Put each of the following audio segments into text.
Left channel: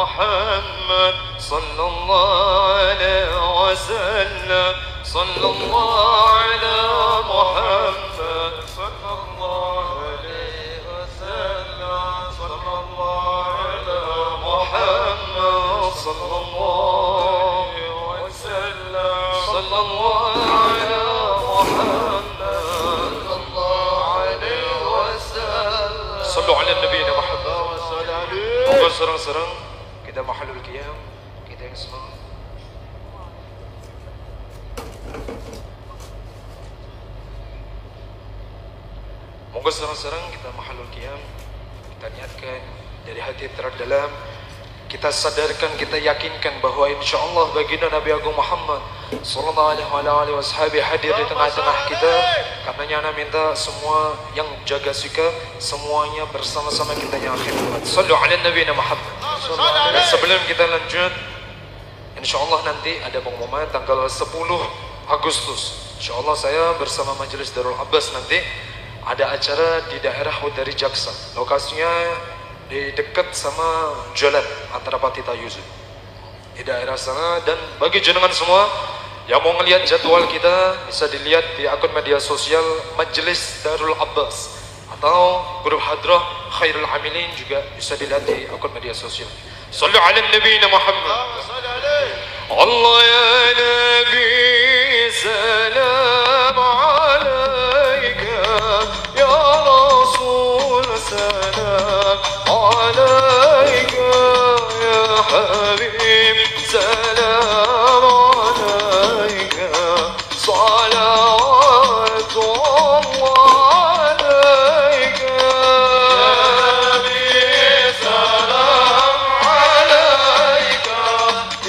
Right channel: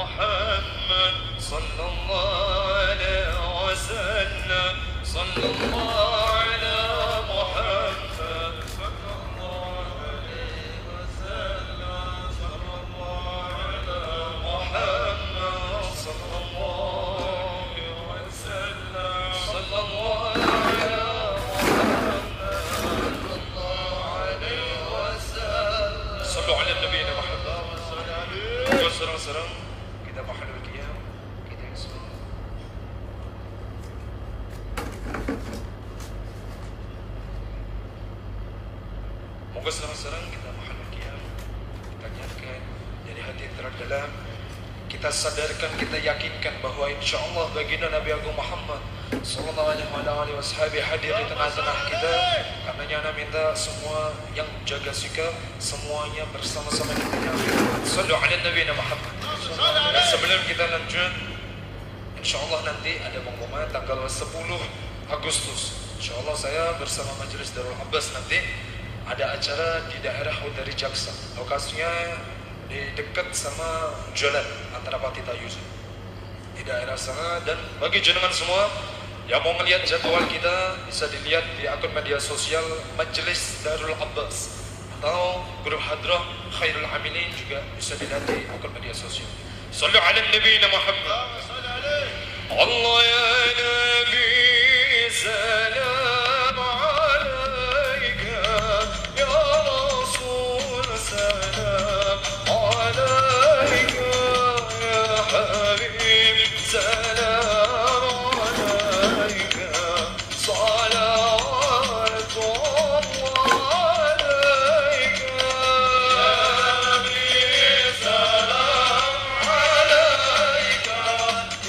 محمد صلى الله عليه وسلم صلى الله على محمد صلى الله عليه وسلم صلى الله على محمد صلى الله عليه وسلم صلى الله على محمد صلى الله عليه وسلم صلوا على النبي محمد. Moga serang-serang kita mahalul qiyam, kita yang semangat. Moga serang-serang kita mahalul qiyam, kita niatkan dari hati terdalam, kita sadarkan, kita yakinkan bahawa insya-Allah baginda Nabi Agung Muhammad sallallahu alaihi wasallam hadir di tengah-tengah kita. Karenanya ana minta semua yang jaga sikap semuanya bersama-sama kita yang khidmat. Sallu ala Nabi Muhammad. Dan sebelum kita lanjut, insya-Allah nanti ada pengumuman tanggal 10 Agustus. Insya-Allah saya bersama Majelis Darul Abbas nanti ada acara di daerah Hudari Jaksa. Lokasinya di dekat sama jalan antara Patita Yusuf di daerah sana. Dan bagi jenengan semua yang mau melihat jadwal kita bisa dilihat di akun media sosial Majelis Darul Abbas atau grup Hadrah Khairul Amilin, juga bisa dilihat di akun media sosial. Sallu ala Nabi Muhammad. Allah ya Nabi salam alaika ya Rasul salam alaika ya Habib salam alaika salawatullah alaika ya Nabi salam alaika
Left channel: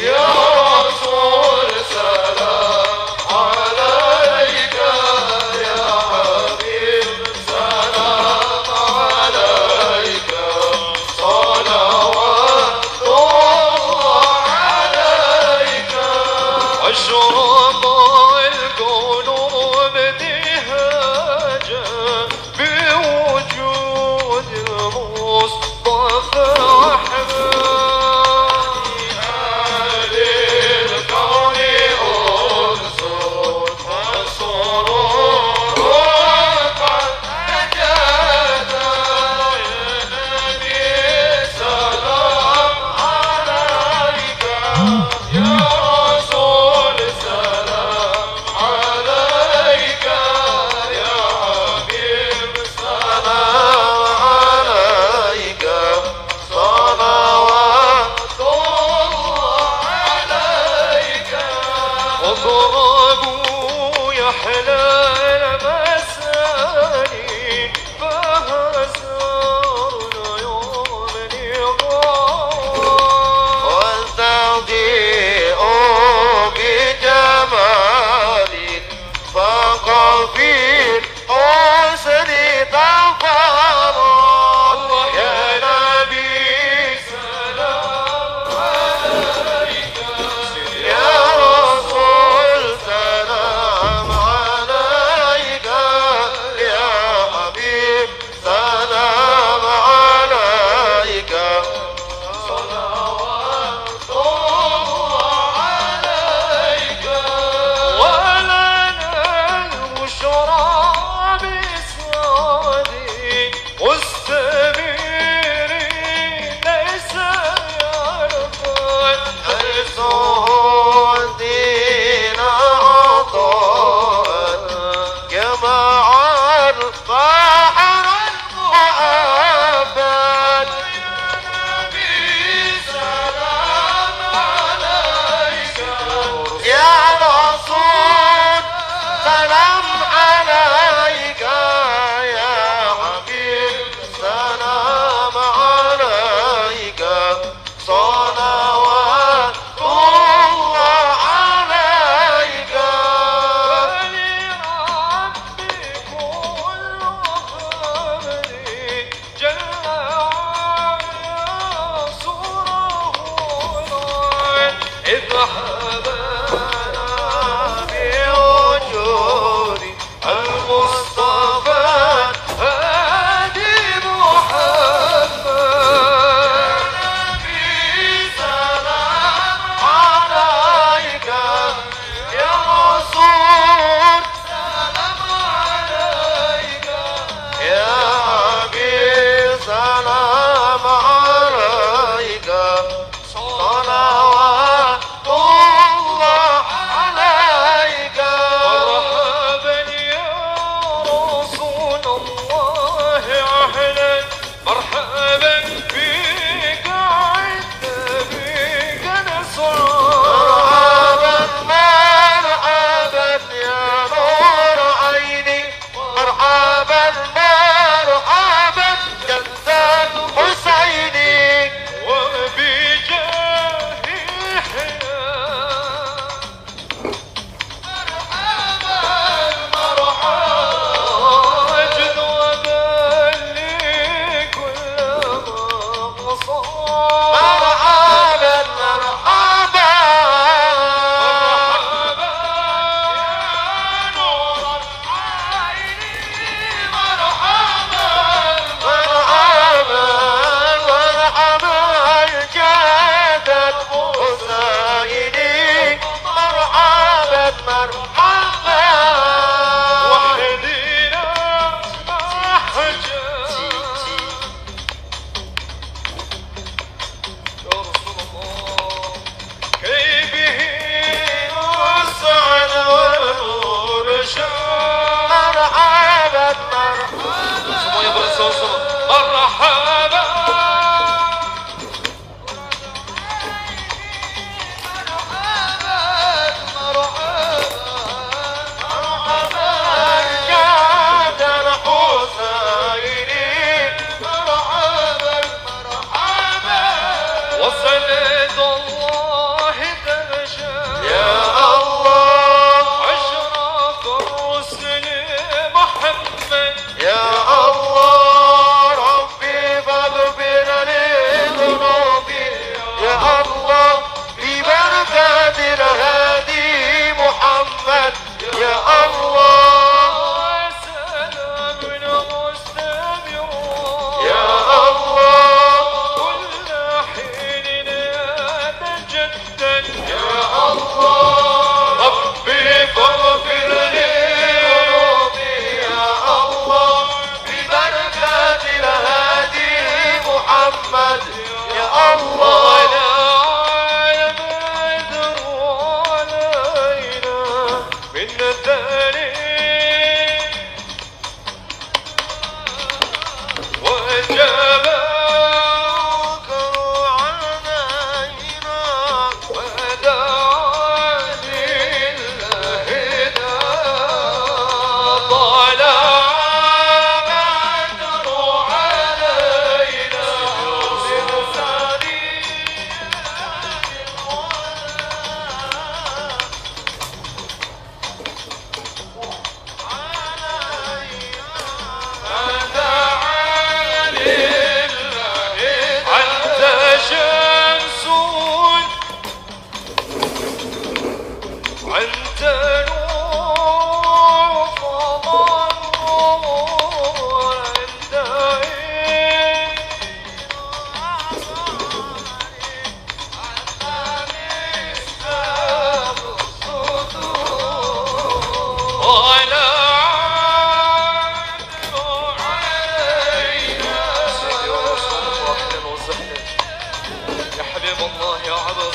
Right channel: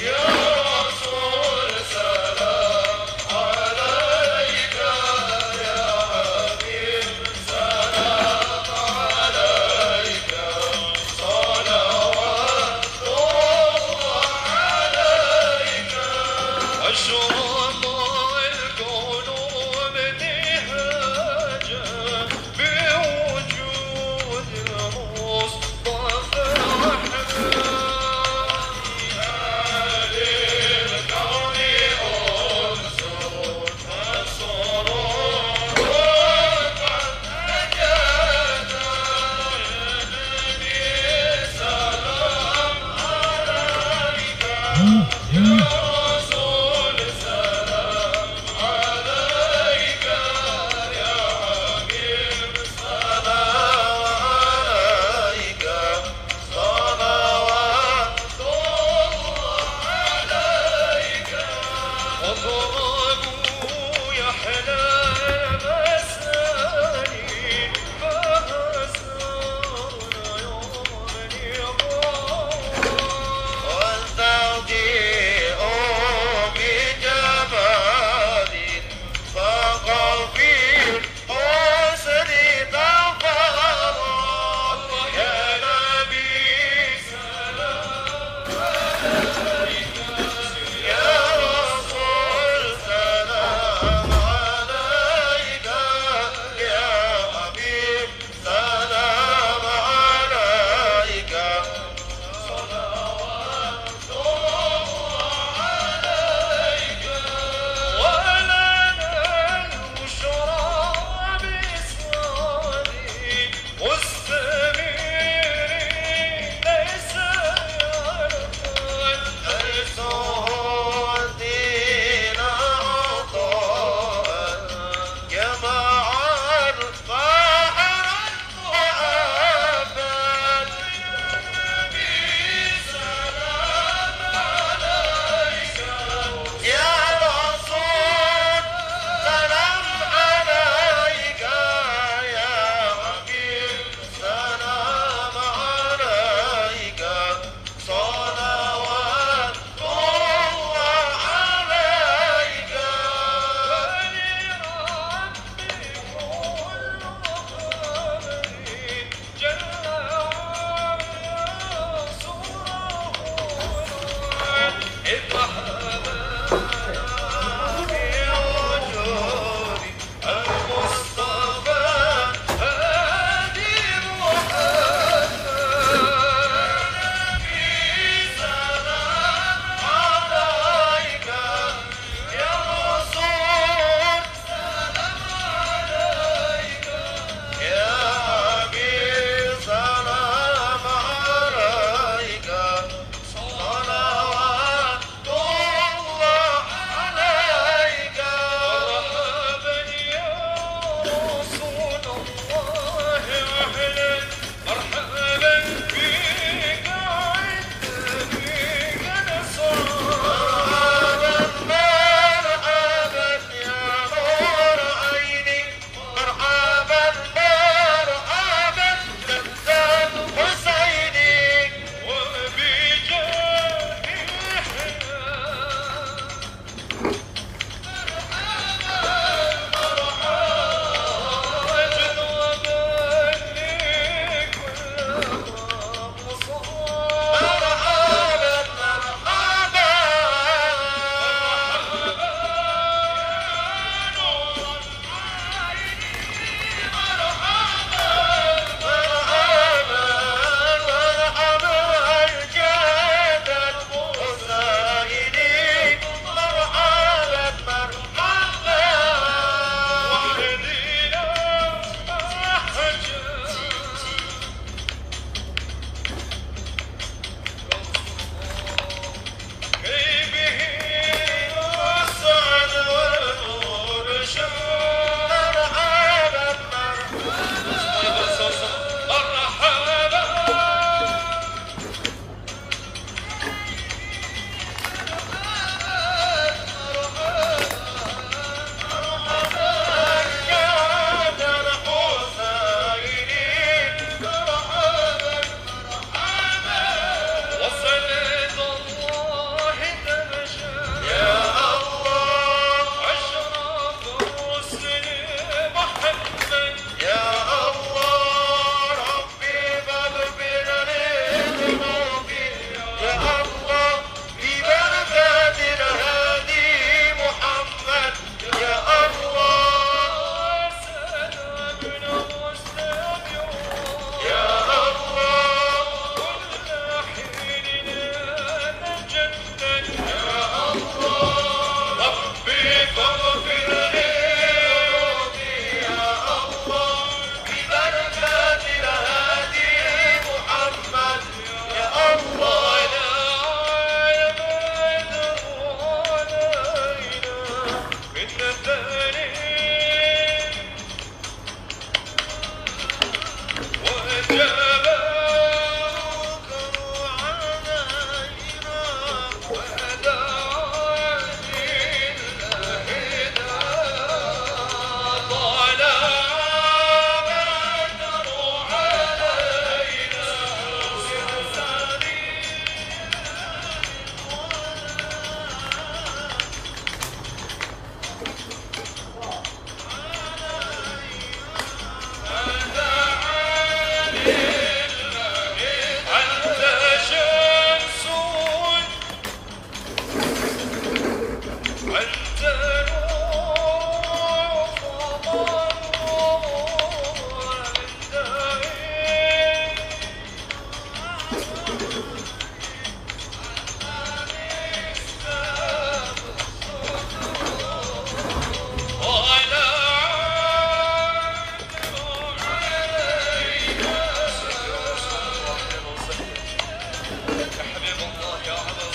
ya Rasul salam alaika ya Habib salam alaika salawatullah alaika.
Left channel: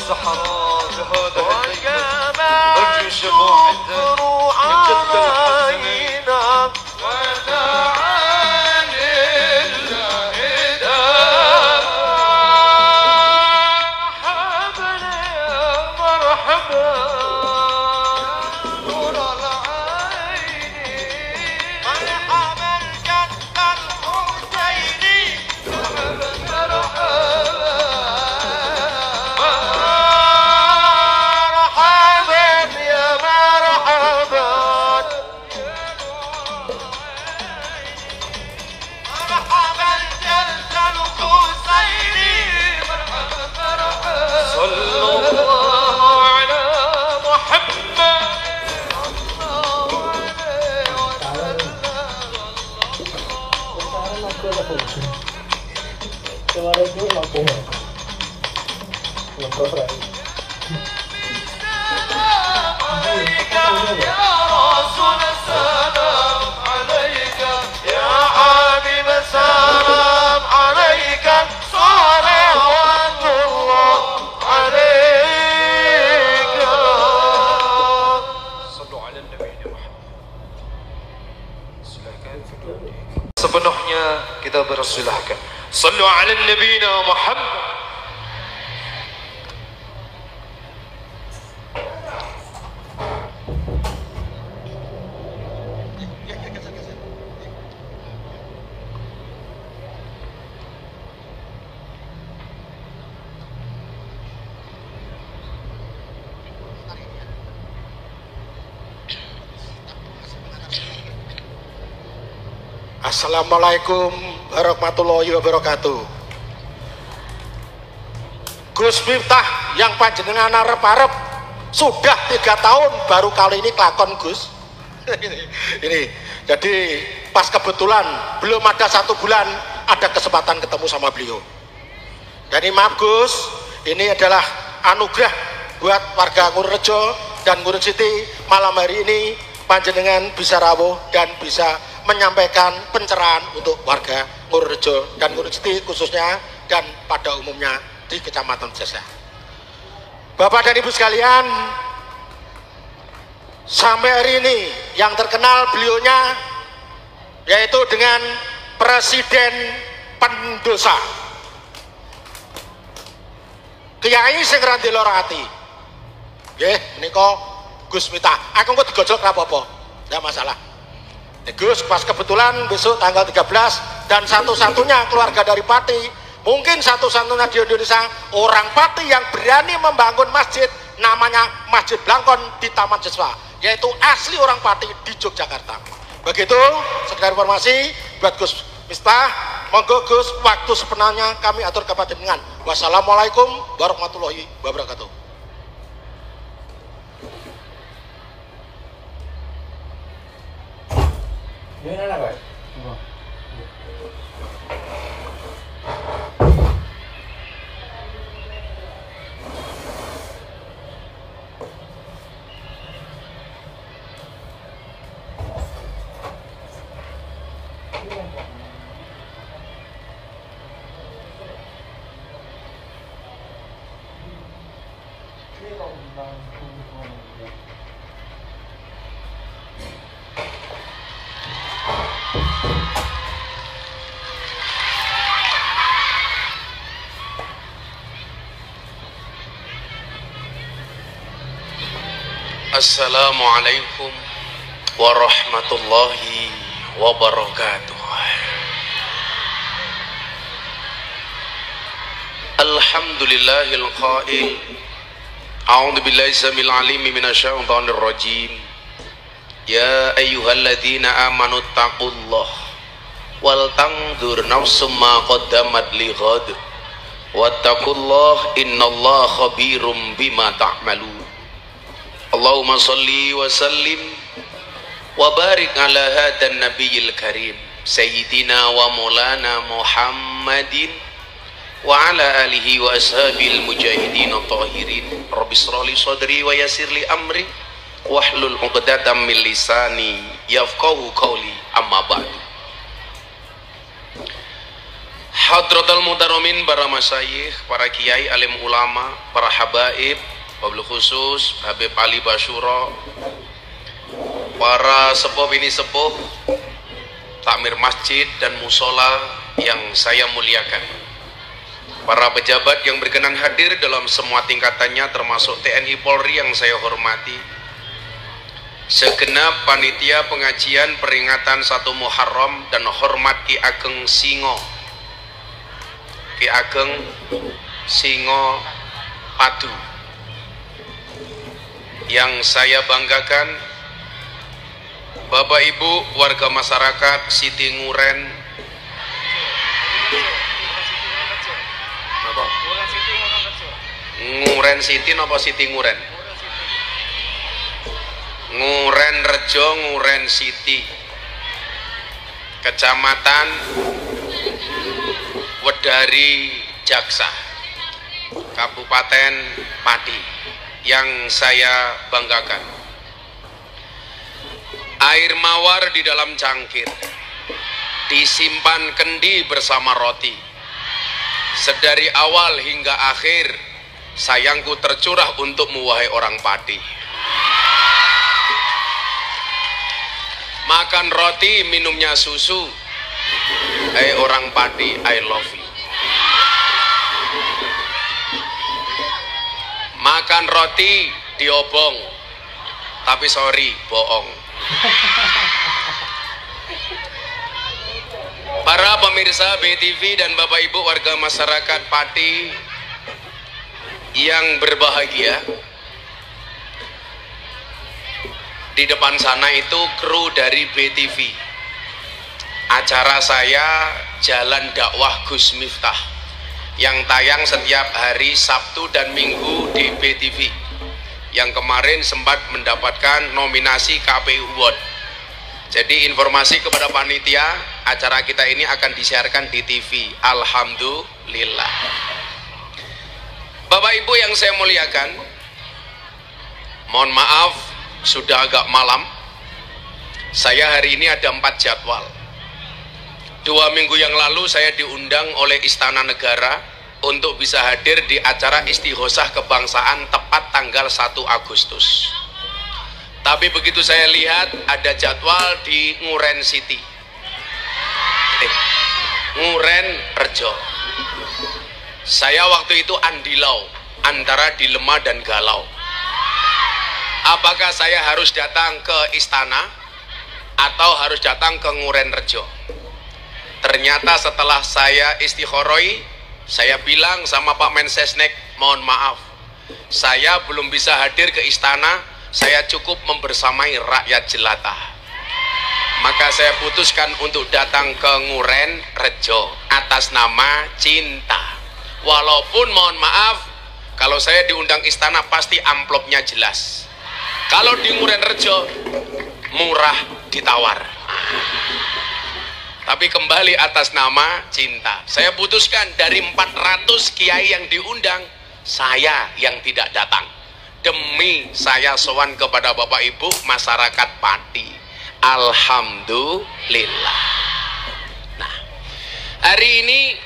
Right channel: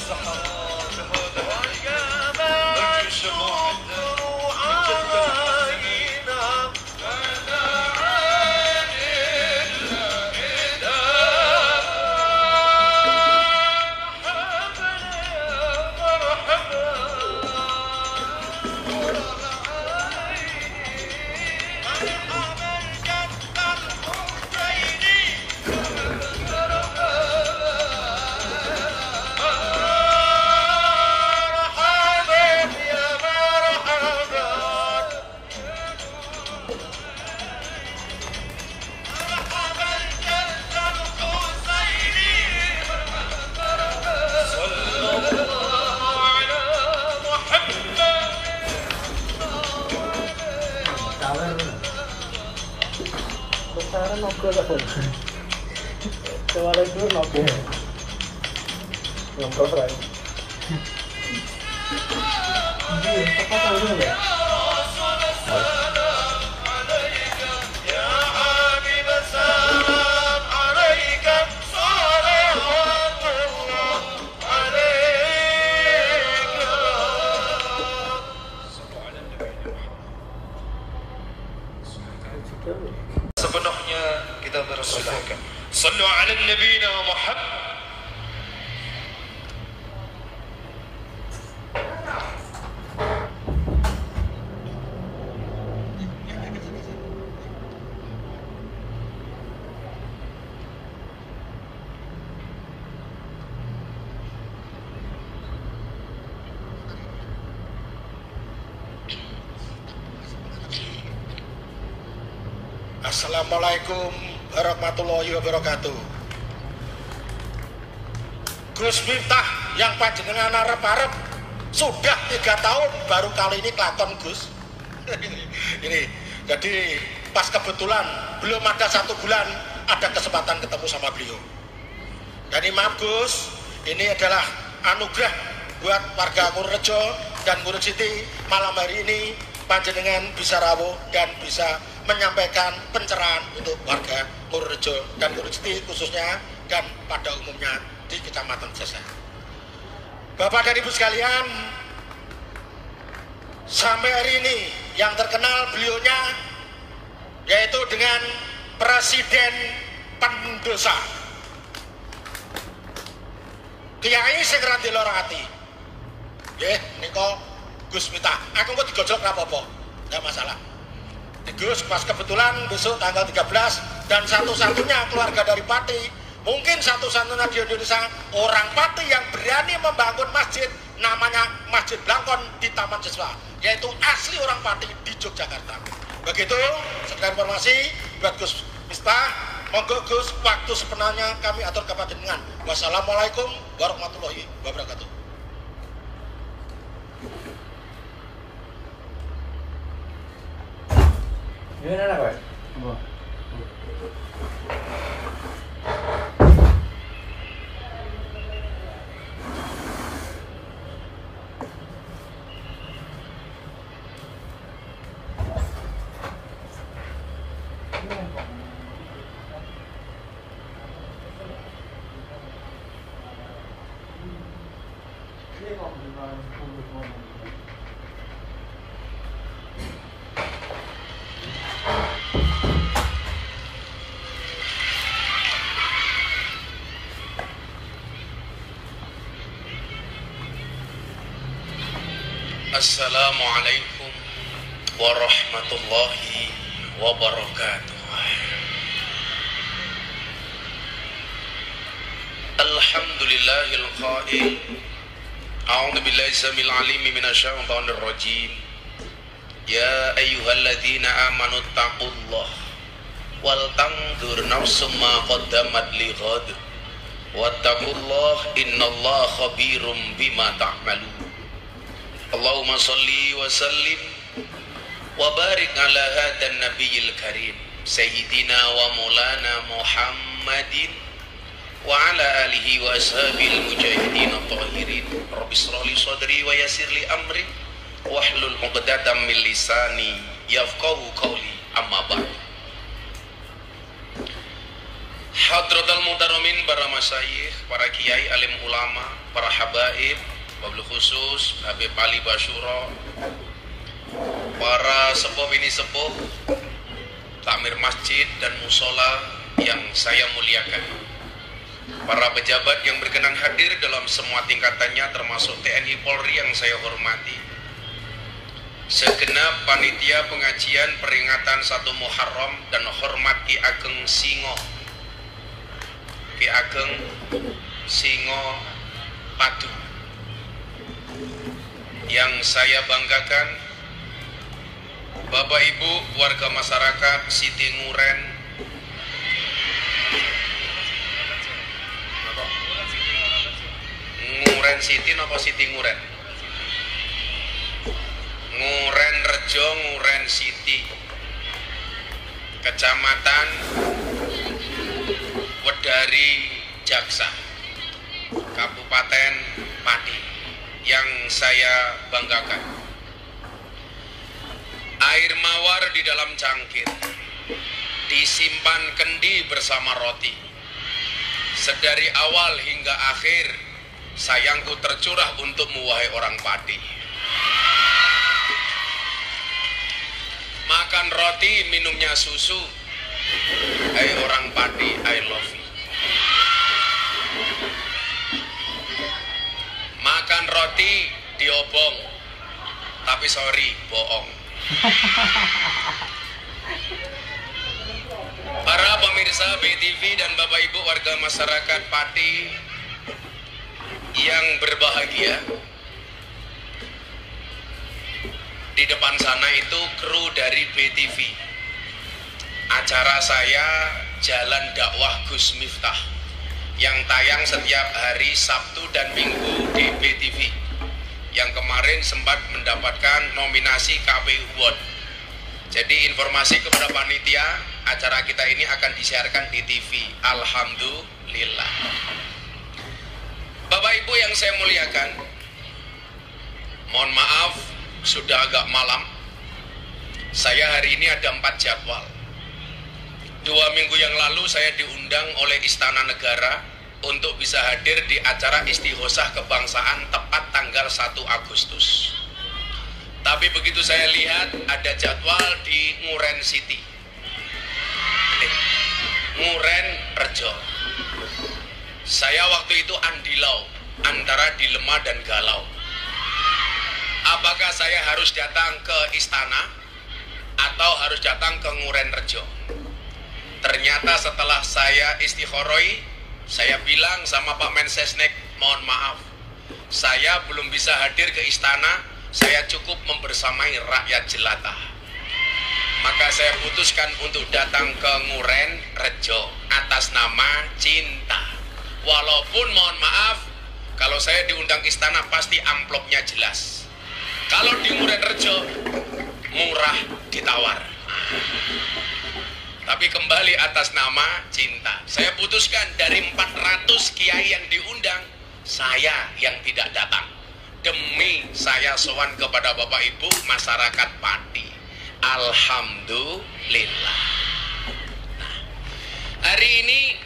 الصحراء بهذا الليل والجشم عندنا من جد الحزن ودعا لله مرحبا يا مرحبا نور العين مرحبا جد الحسين sepenuhnya kita bersilahkan. Sallu ala nabiyina Muhammad. Assalamualaikum warahmatullahi wabarakatuh. Gus Miftah yang panjenengan arep-arep sudah 3 tahun baru kali ini kelakon Gus. Ini jadi pas kebetulan belum ada 1 bulan ada kesempatan ketemu sama beliau. Jadi maaf Gus, ini adalah anugerah buat warga Ngurrejo dan Ngurut Siti. Malam hari ini panjenengan bisa rawuh dan bisa menyampaikan pencerahan untuk warga Ngurrejo dan Ngurut Siti khususnya dan pada umumnya di Kecamatan Jasa. Bapak dan Ibu sekalian, sampai hari ini yang terkenal beliaunya yaitu dengan Presiden Pendosa Kiai sing ra ndelok ati. Nggih, nika Gus Miftah. Aku kok digojlok ra apa-apa. Enggak masalah. Gus pas kebetulan besok tanggal 13 dan satu-satunya keluarga dari Pati, mungkin satu-satunya di Indonesia orang Pati yang berani membangun masjid namanya Masjid Blangkon di Taman Siswa, yaitu asli orang Pati di Yogyakarta. Begitu sekedar informasi buat Gus Miftah. Monggo Gus, waktu sepenuhnya kami atur kepada panjenengan. Wassalamualaikum warahmatullahi wabarakatuh. Gimana Pak? Assalamualaikum warahmatullahi wabarakatuh. Alhamdulillahil qail. A'udzu billahi samil alim minasyaitonir rajim. Ya ayyuhalladzina amanu taqullah wal tanzur nafsum ma qaddamat lighad. Wattaqullah innallaha khabirum bima ta'malun. Allahumma salli wa sallim wa barik ala hadan nabiyil karim sayyidina wa maulana Muhammadin wa ala alihi wa ashabil mujahidin tahirin. Rabbi shrah li sadri wa yassir li amri wahlul 'uqdatam min lisani yafqahu qawli. Amma ba'du. Hadratul Muhtaromin, para masyayikh, para kiai, alim ulama, para habaib, wabil khusus Habib Ali Basyuro, para sepuh ini sepuh, takmir masjid dan musola yang saya muliakan, para pejabat yang berkenan hadir dalam semua tingkatannya termasuk TNI Polri yang saya hormati, segenap panitia pengajian peringatan 1 Muharram dan hormat Ki Ageng Singo, Ki Ageng Singo Padu, yang saya banggakan, Bapak Ibu warga masyarakat Siti Nguren, Nguren Siti napa Siti Nguren? Nguren Rejo, Nguren Siti, Kecamatan Wedari Jaksa, Kabupaten Pati, yang saya banggakan. Air mawar di dalam cangkir, disimpan kendi bersama roti. Sedari awal hingga akhir, sayangku tercurah untukmu wahai orang Pati. Makan roti, minumnya susu. Hai orang Pati, I love you. Makan roti diobong, tapi sorry, bohong. Para pemirsa BTV dan Bapak Ibu warga masyarakat Pati yang berbahagia, di depan sana itu kru dari BTV. Acara saya Jalan Dakwah Gus Miftah yang tayang setiap hari Sabtu dan Minggu di BTV, yang kemarin sempat mendapatkan nominasi KPU Award. Jadi informasi kepada panitia, acara kita ini akan disiarkan di TV. Alhamdulillah. Bapak Ibu yang saya muliakan, mohon maaf sudah agak malam. Saya hari ini ada 4 jadwal. 2 minggu yang lalu saya diundang oleh Istana Negara untuk bisa hadir di acara Istighosah Kebangsaan tepat tanggal 1 Agustus. Tapi begitu saya lihat ada jadwal di Nguren City, Nguren Rejo. Saya waktu itu andilau antara dilema dan galau. Apakah saya harus datang ke istana atau harus datang ke Nguren Rejo? Ternyata setelah saya istikharoi, saya bilang sama Pak Mensesnek, mohon maaf, saya belum bisa hadir ke istana, saya cukup membersamai rakyat jelata. Maka saya putuskan untuk datang ke Nguren Rejo atas nama cinta. Walaupun mohon maaf, kalau saya diundang istana pasti amplopnya jelas. Kalau di Nguren Rejo murah ditawar. Tapi kembali atas nama cinta. Saya putuskan dari 400 kiai yang diundang, saya yang tidak datang. Demi saya sowan kepada Bapak Ibu masyarakat Pati. Alhamdulillah. Nah, hari ini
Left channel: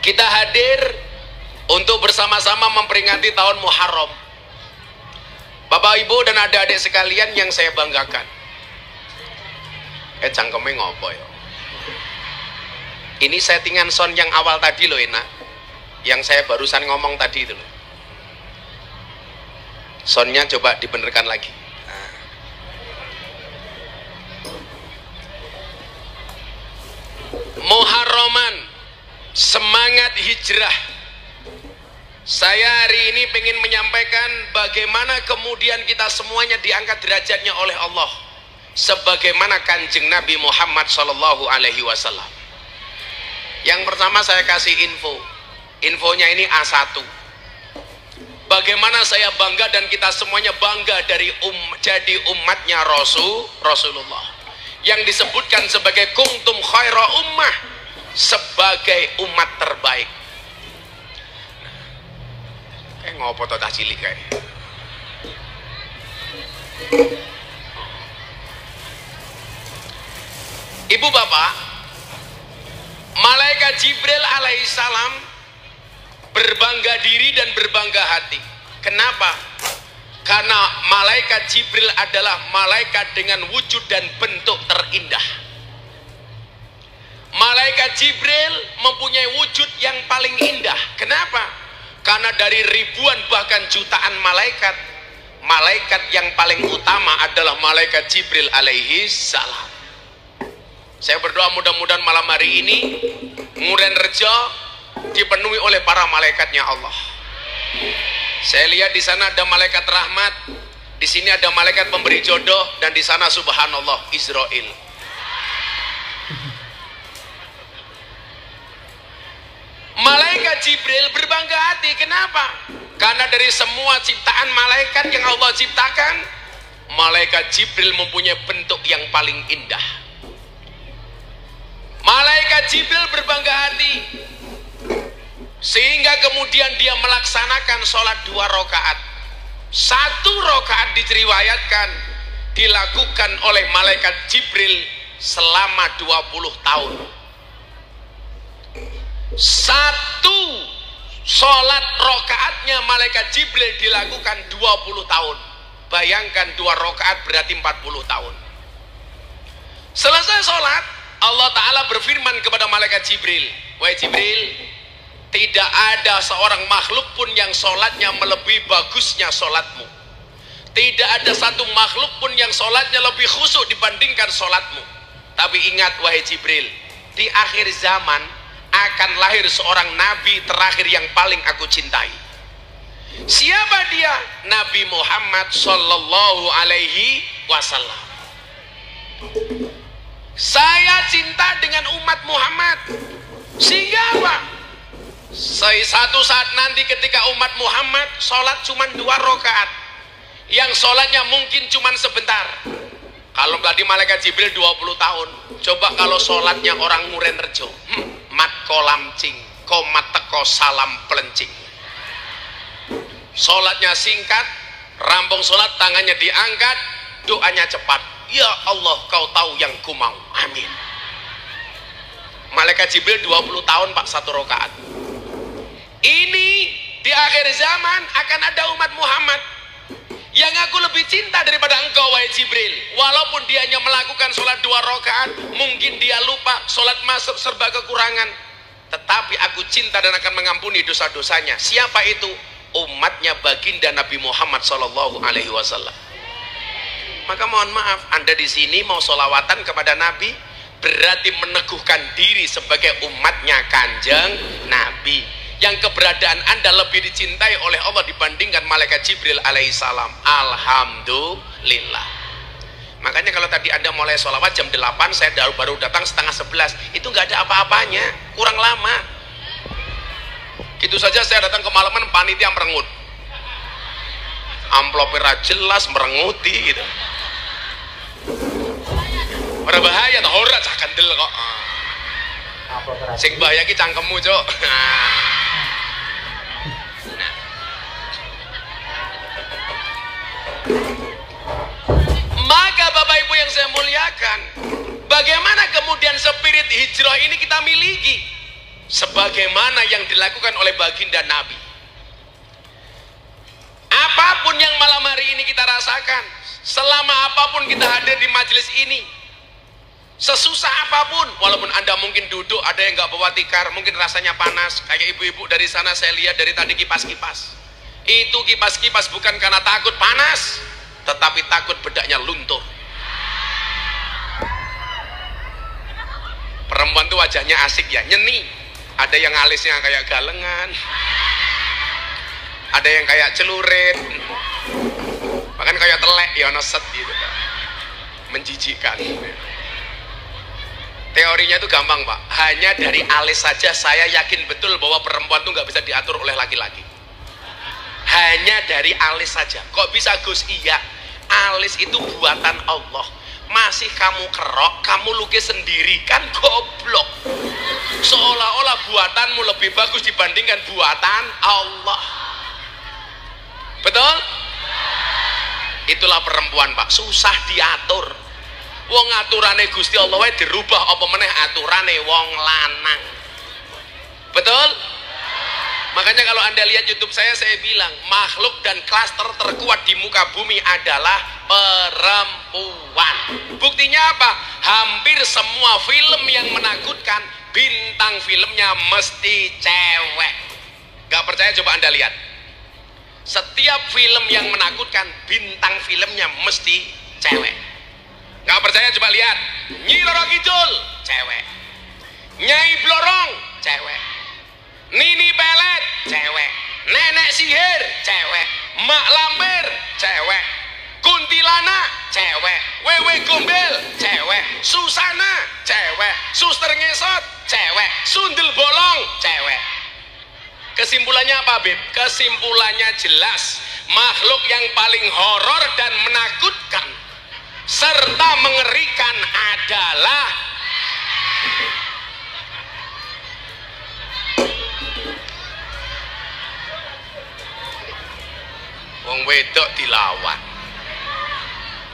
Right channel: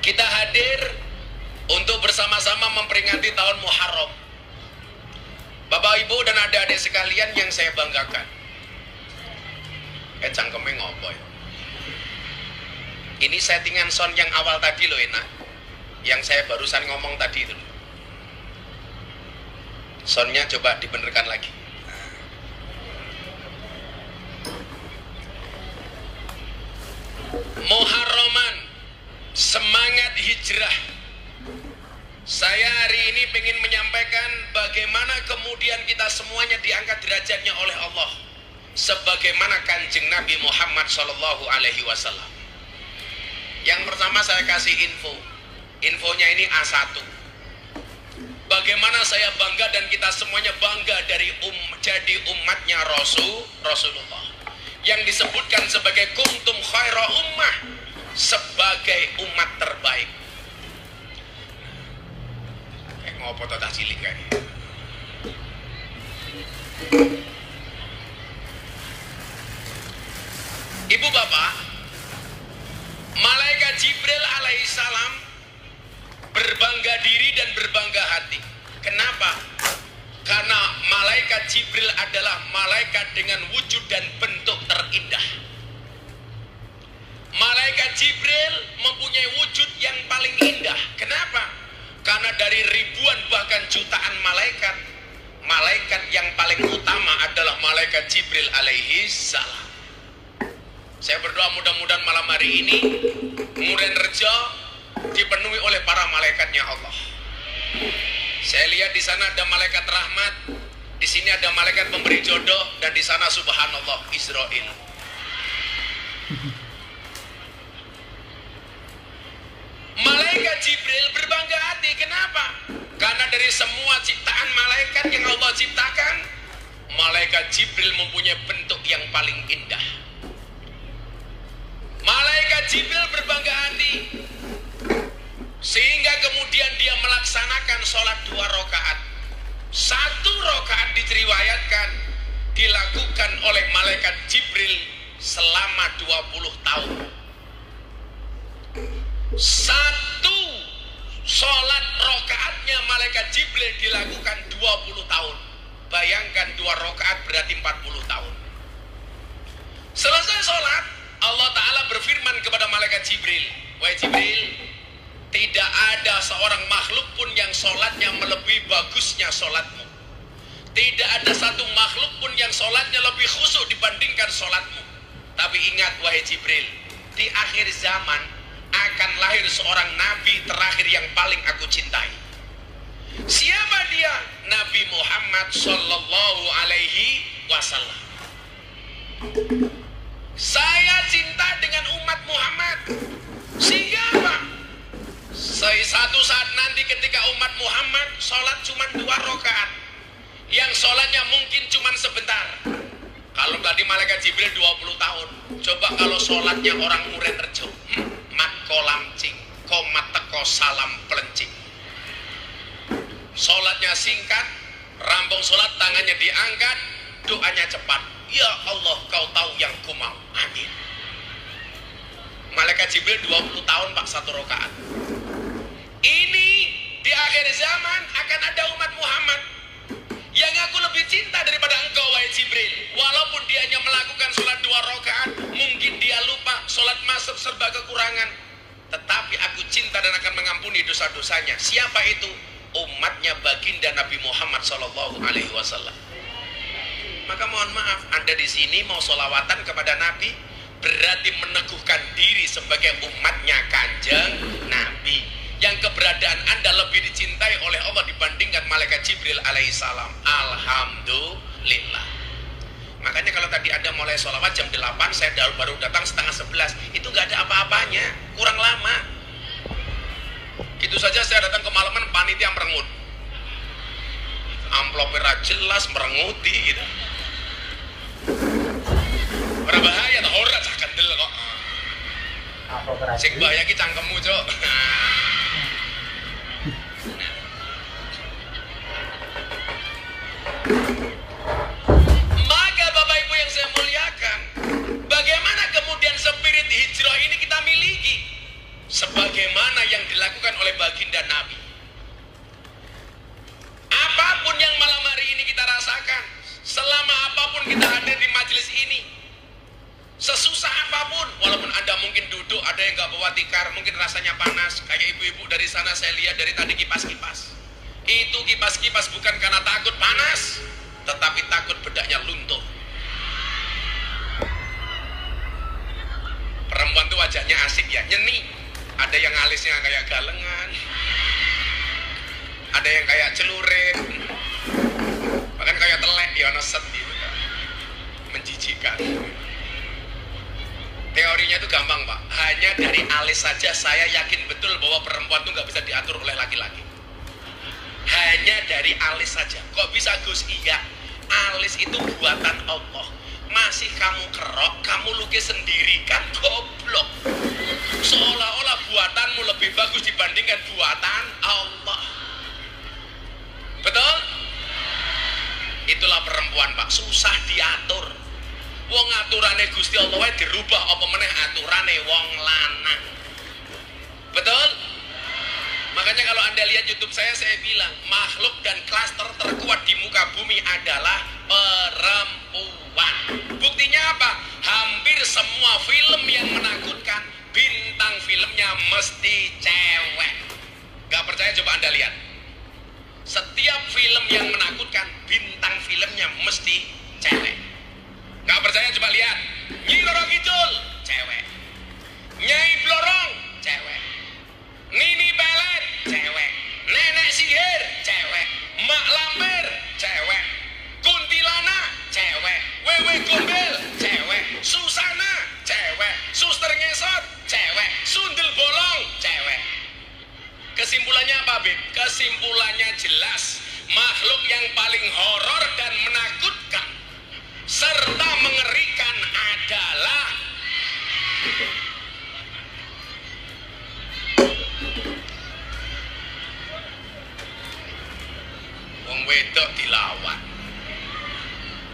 kita hadir untuk bersama-sama memperingati tahun Muharram. Bapak Ibu dan adik-adik sekalian yang saya banggakan. Cangkeme ngopo ya? Ini settingan sound yang awal tadi loh enak, yang saya barusan ngomong tadi itu loh. Soundnya coba dibenerkan lagi. Muharraman, semangat hijrah. Saya hari ini ingin menyampaikan bagaimana kemudian kita semuanya diangkat derajatnya oleh Allah, sebagaimana Kanjeng Nabi Muhammad SAW. Yang pertama saya kasih info. Infonya ini A1. Bagaimana saya bangga dan kita semuanya bangga dari jadi umatnya Rasulullah. Yang disebutkan sebagai kuntum khaira ummah, sebagai umat terbaik. Ngopo to cah cilik kae. Ibu bapak, Malaikat Jibril alaihissalam berbangga diri dan berbangga hati. Kenapa? Karena malaikat Jibril adalah malaikat dengan wujud dan bentuk terindah. Malaikat Jibril mempunyai wujud yang paling indah. Kenapa? Karena dari ribuan bahkan jutaan malaikat, malaikat yang paling utama adalah malaikat Jibril alaihi salam. Saya berdoa mudah-mudahan malam hari ini Nguren Rejo dipenuhi oleh para malaikatnya Allah. Saya lihat di sana ada malaikat rahmat, di sini ada malaikat pemberi jodoh, dan di sana subhanallah Israel. Malaikat Jibril berbangga hati. Kenapa? Karena dari semua ciptaan malaikat yang Allah ciptakan, malaikat Jibril mempunyai bentuk yang paling indah. Malaikat Jibril berbangga hati sehingga kemudian dia melaksanakan sholat 2 rakaat. 1 rakaat diriwayatkan dilakukan oleh malaikat Jibril selama 20 tahun. 1 sholat rakaatnya malaikat Jibril dilakukan 20 tahun. Bayangkan 2 rakaat berarti 40 tahun. Selesai sholat, Allah Ta'ala berfirman kepada malaikat Jibril, wahai Jibril, tidak ada seorang makhluk pun yang sholatnya melebihi bagusnya sholatmu. Tidak ada satu makhluk pun yang sholatnya lebih khusyuk dibandingkan sholatmu. Tapi ingat wahai Jibril, di akhir zaman akan lahir seorang nabi terakhir yang paling aku cintai. Siapa dia? Nabi Muhammad Sallallahu Alaihi Wasallam. Saya cinta dengan umat Muhammad. Sehingga apa? Satu saat nanti ketika umat Muhammad sholat cuma 2 rakaat, yang sholatnya mungkin cuma sebentar. Kalau tadi malaikat Jibril 20 tahun, coba kalau sholatnya orang Nguren Rejo, mat kolamcing, komat teko salam pelencing. Sholatnya singkat, rampung sholat tangannya diangkat, doanya cepat. Ya Allah, kau tahu yang ku mau. Amin. Malaikat Jibril 20 tahun Pak 1 rakaat. Ini di akhir zaman akan ada umat Muhammad yang aku lebih cinta daripada engkau wahai Jibril. Walaupun dia hanya melakukan sholat 2 rakaat, mungkin dia lupa, sholat masuk serba kekurangan, tetapi aku cinta dan akan mengampuni dosa-dosanya. Siapa itu? Umatnya baginda Nabi Muhammad Sallallahu Alaihi Wasallam. Maka mohon maaf, Anda di sini mau sholawatan kepada Nabi berarti meneguhkan diri sebagai umatnya Kanjeng Nabi, yang keberadaan Anda lebih dicintai oleh Allah dibandingkan malaikat Jibril alaihissalam. Alhamdulillah. Makanya kalau tadi Anda mulai sholawat jam 8, saya baru datang setengah 11, itu nggak ada apa-apanya, kurang lama. Gitu saja saya datang ke malaman, panitia merengut, amplopnya jelas merenguti gitu. Berbahaya tuh, ora cah kendel kok. Sing bahaya ki cangkemmu, Cuk. Maka Bapak Ibu yang saya muliakan, bagaimana kemudian spirit hijrah ini kita miliki sebagaimana yang dilakukan oleh baginda Nabi. Apapun yang malam hari ini kita rasakan, selama apapun kita hadir di majelis ini, sesusah apapun, walaupun Anda mungkin duduk, ada yang nggak bawa tikar, mungkin rasanya panas, kayak ibu-ibu dari sana saya lihat dari tadi kipas-kipas. Itu kipas-kipas bukan karena takut panas, tetapi takut bedaknya luntur. Perempuan tuh wajahnya asik ya, nyeni. Ada yang alisnya kayak galengan, ada yang kayak celurit, bahkan kayak telek ya, neset gitu, menjijikkan. Teorinya itu gampang Pak, hanya dari alis saja saya yakin betul bahwa perempuan itu nggak bisa diatur oleh laki-laki. Hanya dari alis saja. Kok bisa Gus? Iya, alis itu buatan Allah. Masih kamu kerok, kamu lukis sendiri, kan goblok. Seolah-olah buatanmu lebih bagus dibandingkan buatan Allah. Betul? Itulah perempuan Pak, susah diatur. Wong aturane Gusti Allah wae dirubah apa meneh aturane wong lanang. Betul? Makanya kalau Anda lihat YouTube saya bilang makhluk dan klaster terkuat di muka bumi adalah perempuan. Buktinya apa? Hampir semua film yang menakutkan bintang filmnya mesti cewek. Gak percaya coba Anda lihat. Setiap film yang menakutkan bintang filmnya mesti cewek. Gak percaya coba lihat. Nyi Roro Kidul cewek, Nyai Blorong cewek, Nini Pelet cewek, Nenek Sihir cewek, Mak Lampir cewek, Kuntilanak cewek, Wewe Gombel cewek, Susana cewek, Suster Ngesot cewek, Sundel Bolong cewek. Kesimpulannya apa, Beb? Kesimpulannya jelas, makhluk yang paling horor dan menakutkan serta mengerikan adalah wong wedok dilawan.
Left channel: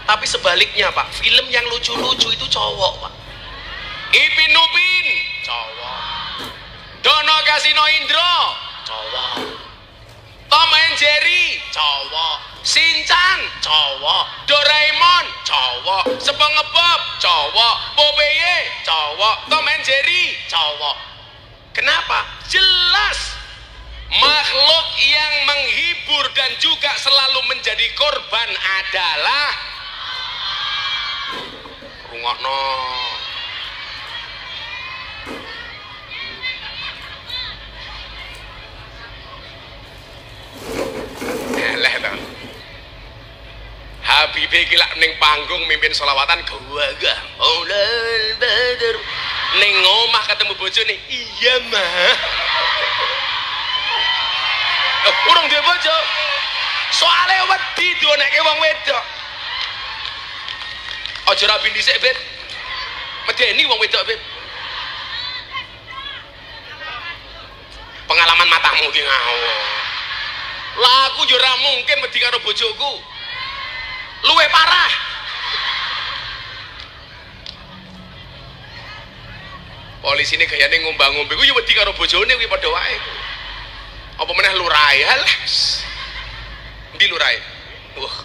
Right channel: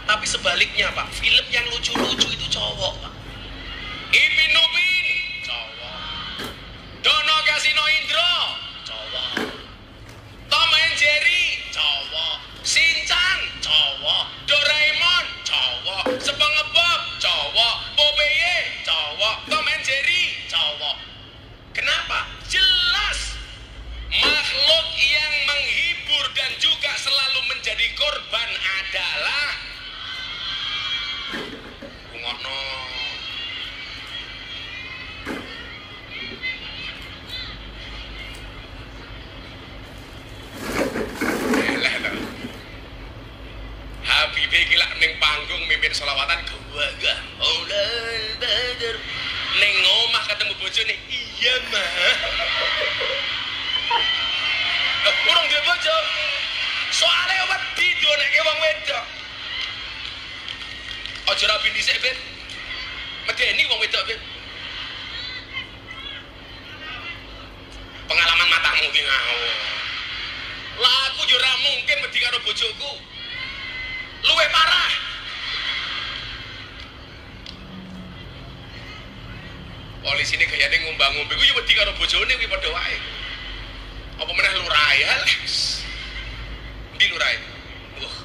Tapi sebaliknya, Pak, film yang lucu-lucu itu cowok, Pak. Ipin Upin cowok, Dono Kasino Indro cowok, Tom and Jerry cowok, Shinchan cowok, Doraemon cowok, SpongeBob cowok, Popeye cowok, Tom and Jerry cowok. Kenapa? Jelas makhluk yang menghibur dan juga selalu menjadi korban adalah rungokno. Eleh to. Habibe iki lak ning panggung mimpin selawatan gawagah. Aulal badr. Ning omah ketemu bojone, iya mah. Urung duwe bojo. Soale wedi dionekke wong wedok. Aja rabi dhisik, Ben. Medeni wong wedok, Ben. Pengalaman matamu ki ngawur. Lah aku yo ora mungkin wedi karo bojoku. Luwih parah. Polisi ini gayane ngombang-ngombe ku yo wedi karo bojone kuwi padha wae. Apa meneh lurae? Halas. Ndi lurae? Wah.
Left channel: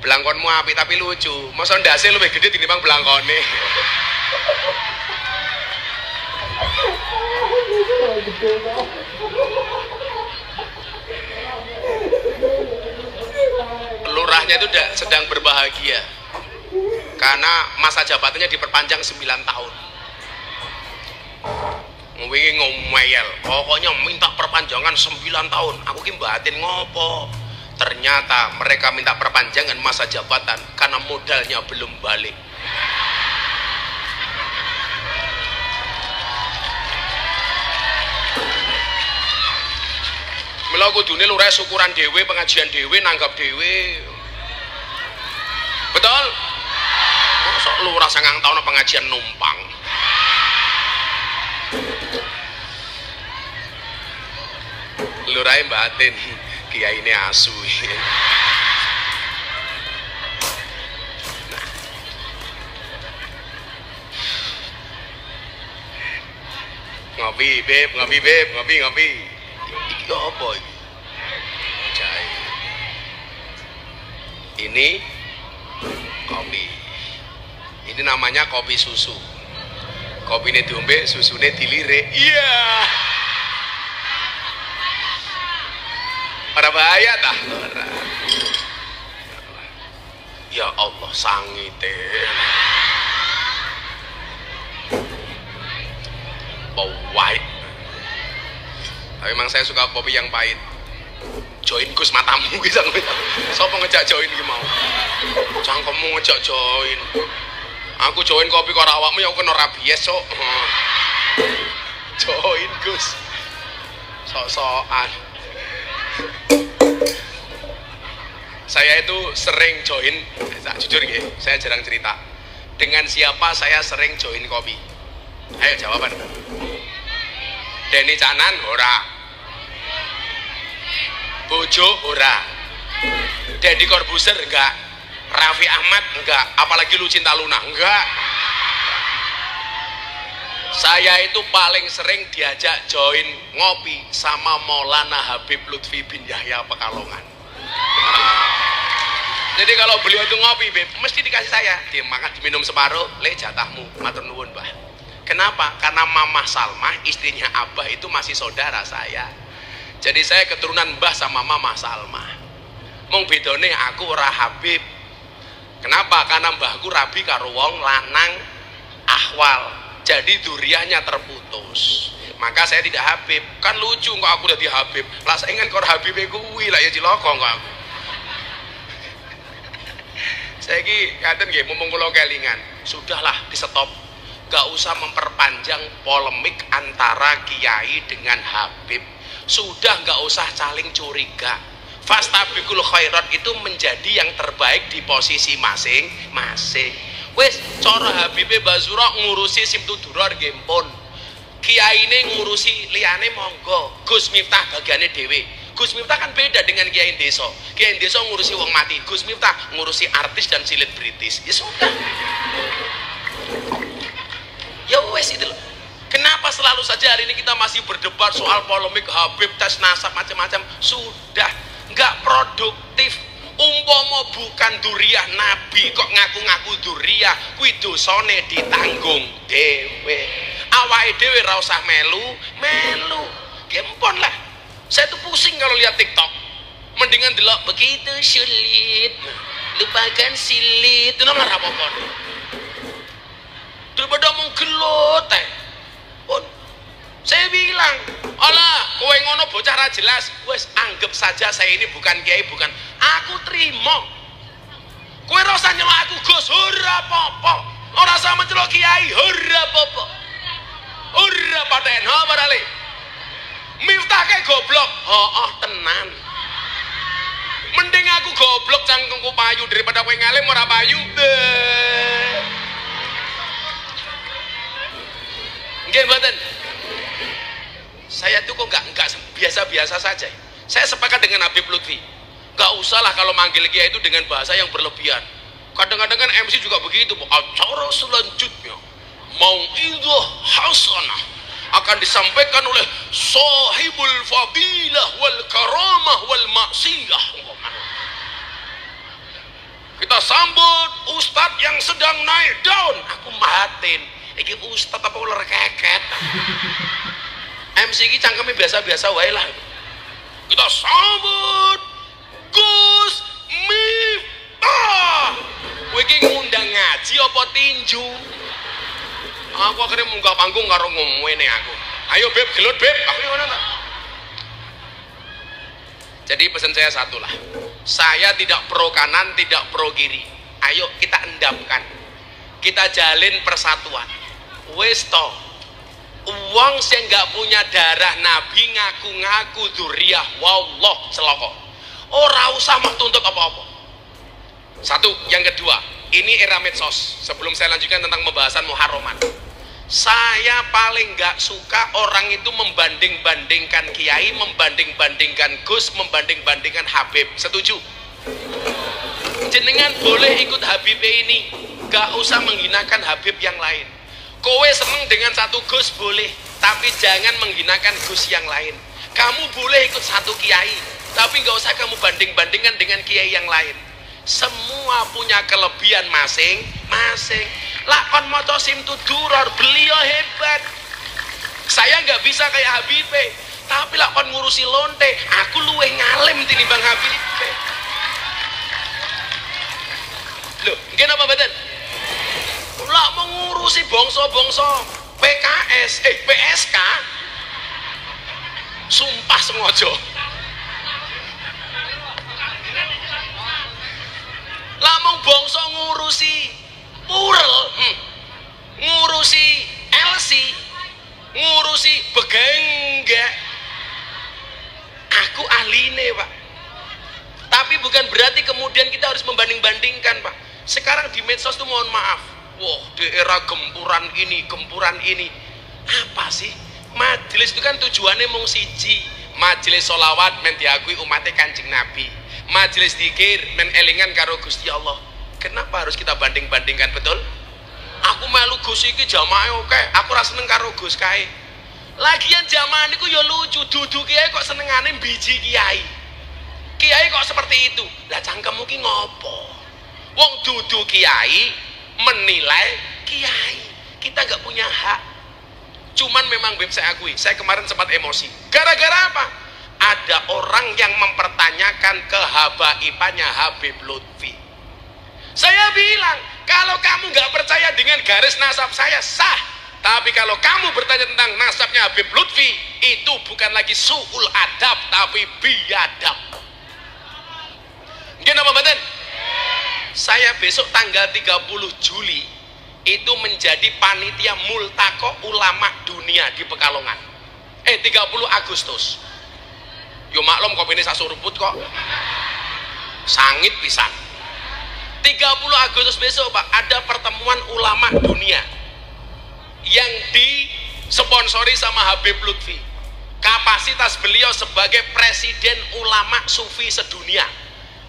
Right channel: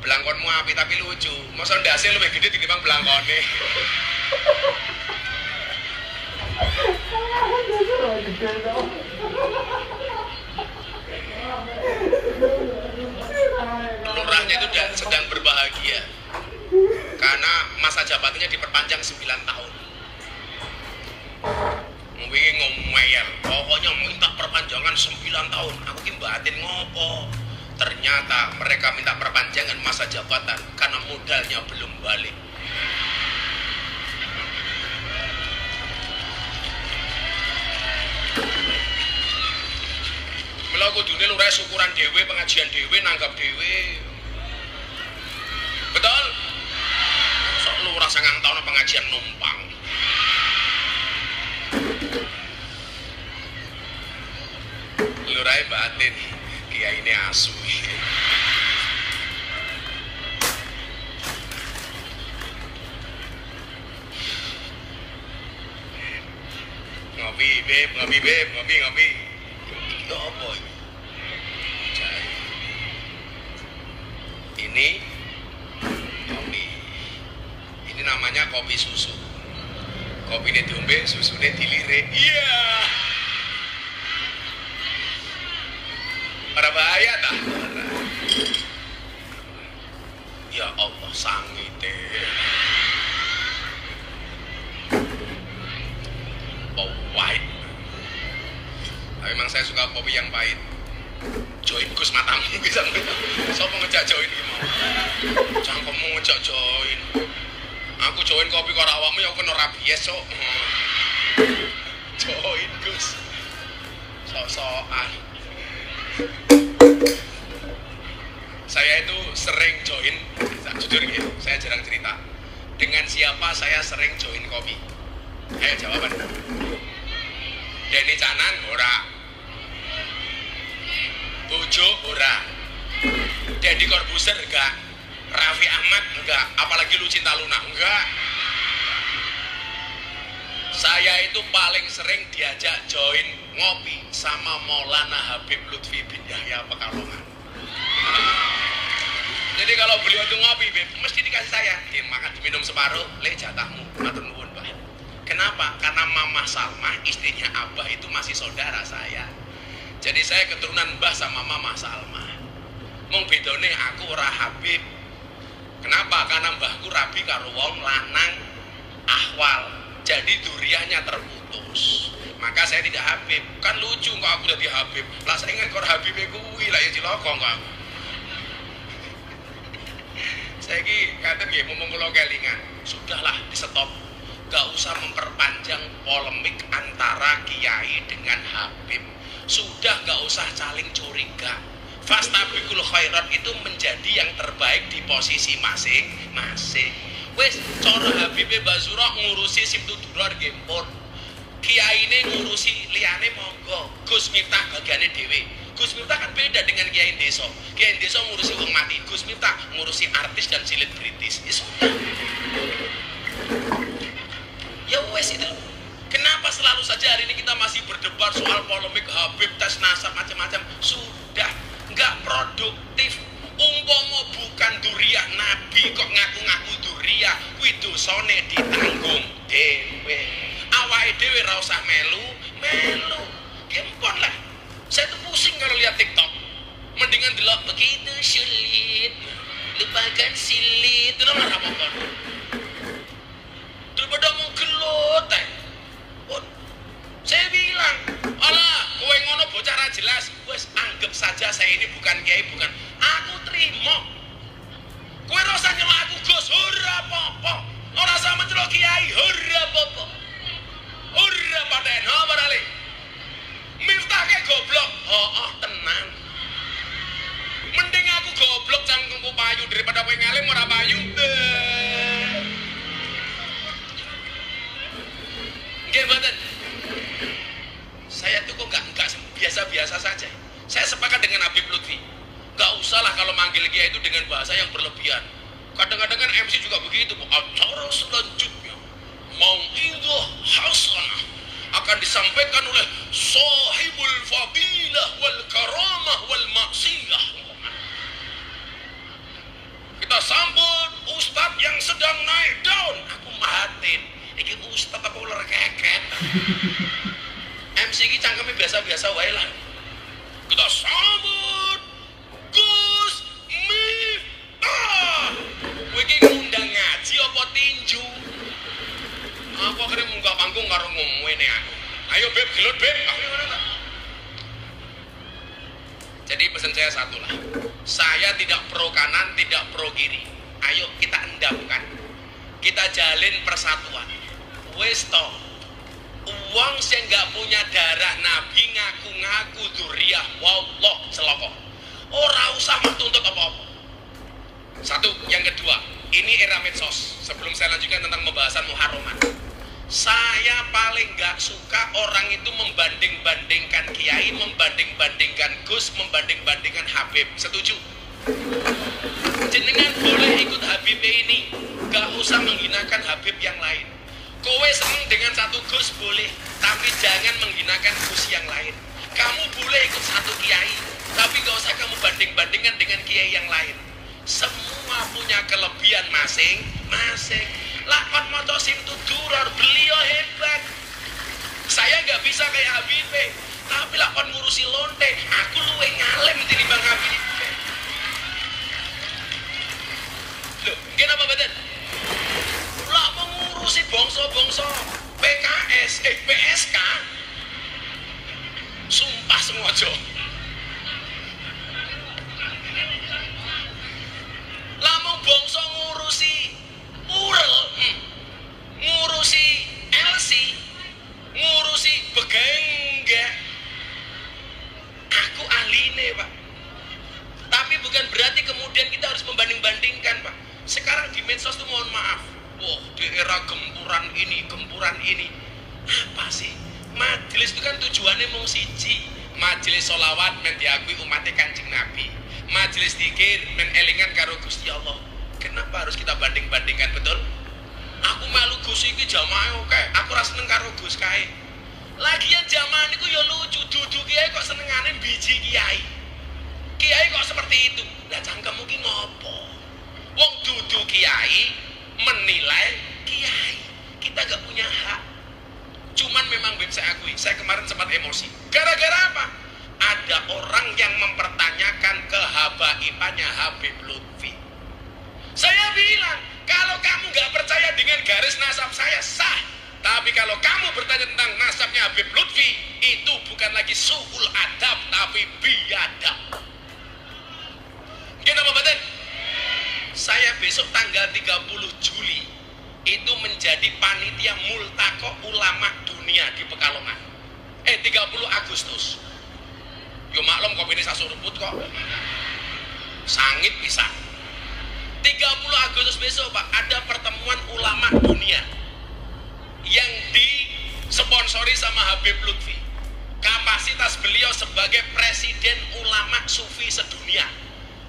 Blangkonmu apik tapi lucu. Masa ndase luwih gede tinimbang blangkone. Lurahnya itu sedang berbahagia karena masa jabatannya diperpanjang 9 tahun. Wingi ngomel, pokoknya minta perpanjangan 9 tahun. Aku ki batin ngopo? Ternyata mereka minta perpanjangan masa jabatan karena modalnya belum balik. Mila kudune lurah syukuran dhewe, pengajian dhewe, nanggap dhewe. Betul? Sok lurah 9 tahun pengajian numpang. Lurahe batin, kiai ini asu. Ngopi, Beb, ngopi, Beb, ngopi, ngopi. Iki apa iki? Jahe. Ini kopi. Ini namanya kopi susu. Kopi ini diombe, susunya dilirik. Iya. Yeah. Para bahaya dah. Ya Allah, sangite. Pahit. Tapi memang saya suka kopi yang pahit. Join Gus matamu bisa ngomong. Sopo ngejak join iki mau? Cangkemmu ngejak join. Aku join kopi karo awakmu ya kena rabies sok. Join Gus. Sok-sokan. Saya itu sering join, jujur nggih, saya jarang cerita. Dengan siapa saya sering join kopi? Ayo jawaban. Denny Canan ora. Bojo ora. Deddy Corbuzier enggak. Raffi Ahmad enggak, apalagi Lucinta Luna enggak. Saya itu paling sering diajak join ngopi sama Maulana Habib Lutfi bin Yahya Pekalongan. Jadi kalau beliau itu ngopi, Beb, mesti dikasih saya. Dia makan diminum separuh, le jatahmu, matur nuwun, Mbah. Kenapa? Karena Mamah Salmah, istrinya Abah itu masih saudara saya. Jadi saya keturunan Mbah sama Mamah Salmah. Mung bedone aku ora Habib. Kenapa? Karena mbahku rabi karo wong lanang ahwal. Jadi duriahnya terputus. Maka saya tidak Habib. Kan lucu kok aku udah di Habib. Lah saingan kok Habib kuwi lah ya cilaka kok. Saiki ngaten nggih mumpung kula kelingan. Sudahlah di stop. Gak usah memperpanjang polemik antara kiai dengan Habib. Sudah gak usah saling curiga. Fastabiqul khairat itu menjadi yang terbaik di posisi masing-masing. Wes cara Habibe Basura ngurusi Simtudurar nggih pun. Kiyaine ngurusi liyane monggo. Gus Miftah bagiane dhewe. Gus Miftah kan beda dengan kiai desa. Kiai desa ngurusi wong mati. Gus Miftah ngurusi artis dan selebritis. Ya sudah. Ya wes itu. Kenapa selalu saja hari ini kita masih berdebat soal polemik Habib tes nasab macam-macam? Sudah nggak produktif. Umpama bukan duriah Nabi kok ngaku-ngaku duriah, kuwi dosane ditanggung dhewe. Awake dhewe ra usah melu. Gempon lah. Saya tuh pusing kalau lihat TikTok. Mendingan delok begitu sulit. Lupakan silit. Itu nomor apa-apa. Daripada menggelut pun saya bilang, "Alah, kowe ngono bocah ra jelas." Wes anggap saja saya ini bukan kiai, bukan. Aku terima. Kowe ora usah nyelok aku Gus, ora apa-apa. Ora usah mencelok kiai, ora apa-apa. Ora paten, ha padahal. Miftah ke goblok. Oh, tenan. Mending aku goblok cangkemku payu daripada kowe ngalim ora payu. Nggih mboten. Saya tuh kok enggak biasa-biasa saja. Saya sepakat dengan Habib Lutfi. Enggak usahlah kalau manggil kiai itu dengan bahasa yang berlebihan. Kadang-kadang kan MC juga begitu, acara selanjutnya mau'idhah hasanah akan disampaikan oleh sahibul fadilah wal karamah wal maksiyah. Kita sambut ustadz yang sedang naik daun. Aku mahatin, iki ustadz apa ular keket. MC ini cangkemnya biasa-biasa wae lah. Kita sambut Gus Miftah. Kowe iki ngundang ngaji apa tinju? Aku akhirnya munggah panggung karo ngomongene aku. Ayo Beb, gelut Beb. Aku ngono ta. Jadi pesan saya satu lah. Saya tidak pro kanan, tidak pro kiri. Ayo kita endapkan. Kita jalin persatuan. Wes to. Uang sing gak punya darah Nabi ngaku-ngaku dzurriyah wallah celaka. Ora usah mah tuntut apa-apa. Satu, yang kedua, ini era medsos. Sebelum saya lanjutkan tentang pembahasan muharraman. Saya paling gak suka orang itu membanding-bandingkan kiai, membanding-bandingkan Gus, membanding-bandingkan Habib. Setuju? Jenengan boleh ikut Habib ini, gak usah menghinakan Habib yang lain. Kowe seneng dengan satu Gus boleh, tapi jangan menghinakan Gus yang lain. Kamu boleh ikut satu kiai, tapi gak usah kamu banding-bandingkan dengan kiai yang lain. Semua punya kelebihan masing-masing. Lakon moto Simtudurar, beliau hebat. Saya nggak bisa kayak Habibe, tapi lakon ngurusi lonte, aku luwih ngalim tinimbang Habibe. Loh, nggih napa mboten? Lah mau ngurusi bangsa-bangsa PSK. Sumpah sengaja. Lah mau bangsa ngurusi Purel, ngurusi LC, ngurusi Begengga. Aku ahline, Pak. Tapi bukan berarti kemudian kita harus membanding-bandingkan, Pak. Sekarang di medsos tuh mohon maaf. Wah, di era gempuran ini. Apa sih? Majelis itu kan tujuannya mung siji. Majelis sholawat men diakui umatnya Kanjeng Nabi. Majelis dzikir men elingan karo Gusti Allah. Kenapa harus kita banding-bandingkan, betul? Aku melu Gus iki jamaah oke, aku ora seneng karo Gus kae. Lagian jamaah niku ya lucu, dudu kiai kok senengane biji kiai. Kiai kok seperti itu. Lah cangkemmu ki ngopo? Wong dudu kiai menilai kiai. Kita gak punya hak. Cuman memang Beb, saya akui, saya kemarin sempat emosi. Gara-gara apa? Ada orang yang mempertanyakan kehabaibannya Habib Lutfi. Saya bilang, kalau kamu gak percaya dengan garis nasab saya, sah. Tapi kalau kamu bertanya tentang nasabnya Habib Lutfi, itu bukan lagi su'ul adab, tapi biadab. Gimana Bapak? Saya besok tanggal 30 Juli itu menjadi panitia multaqo ulama dunia di Pekalongan. 30 Agustus. Yo maklum kopi ini sasuruput kok. Sangit pisan. 30 Agustus besok Pak, ada pertemuan ulama dunia yang disponsori sama Habib Lutfi. Kapasitas beliau sebagai presiden ulama sufi sedunia.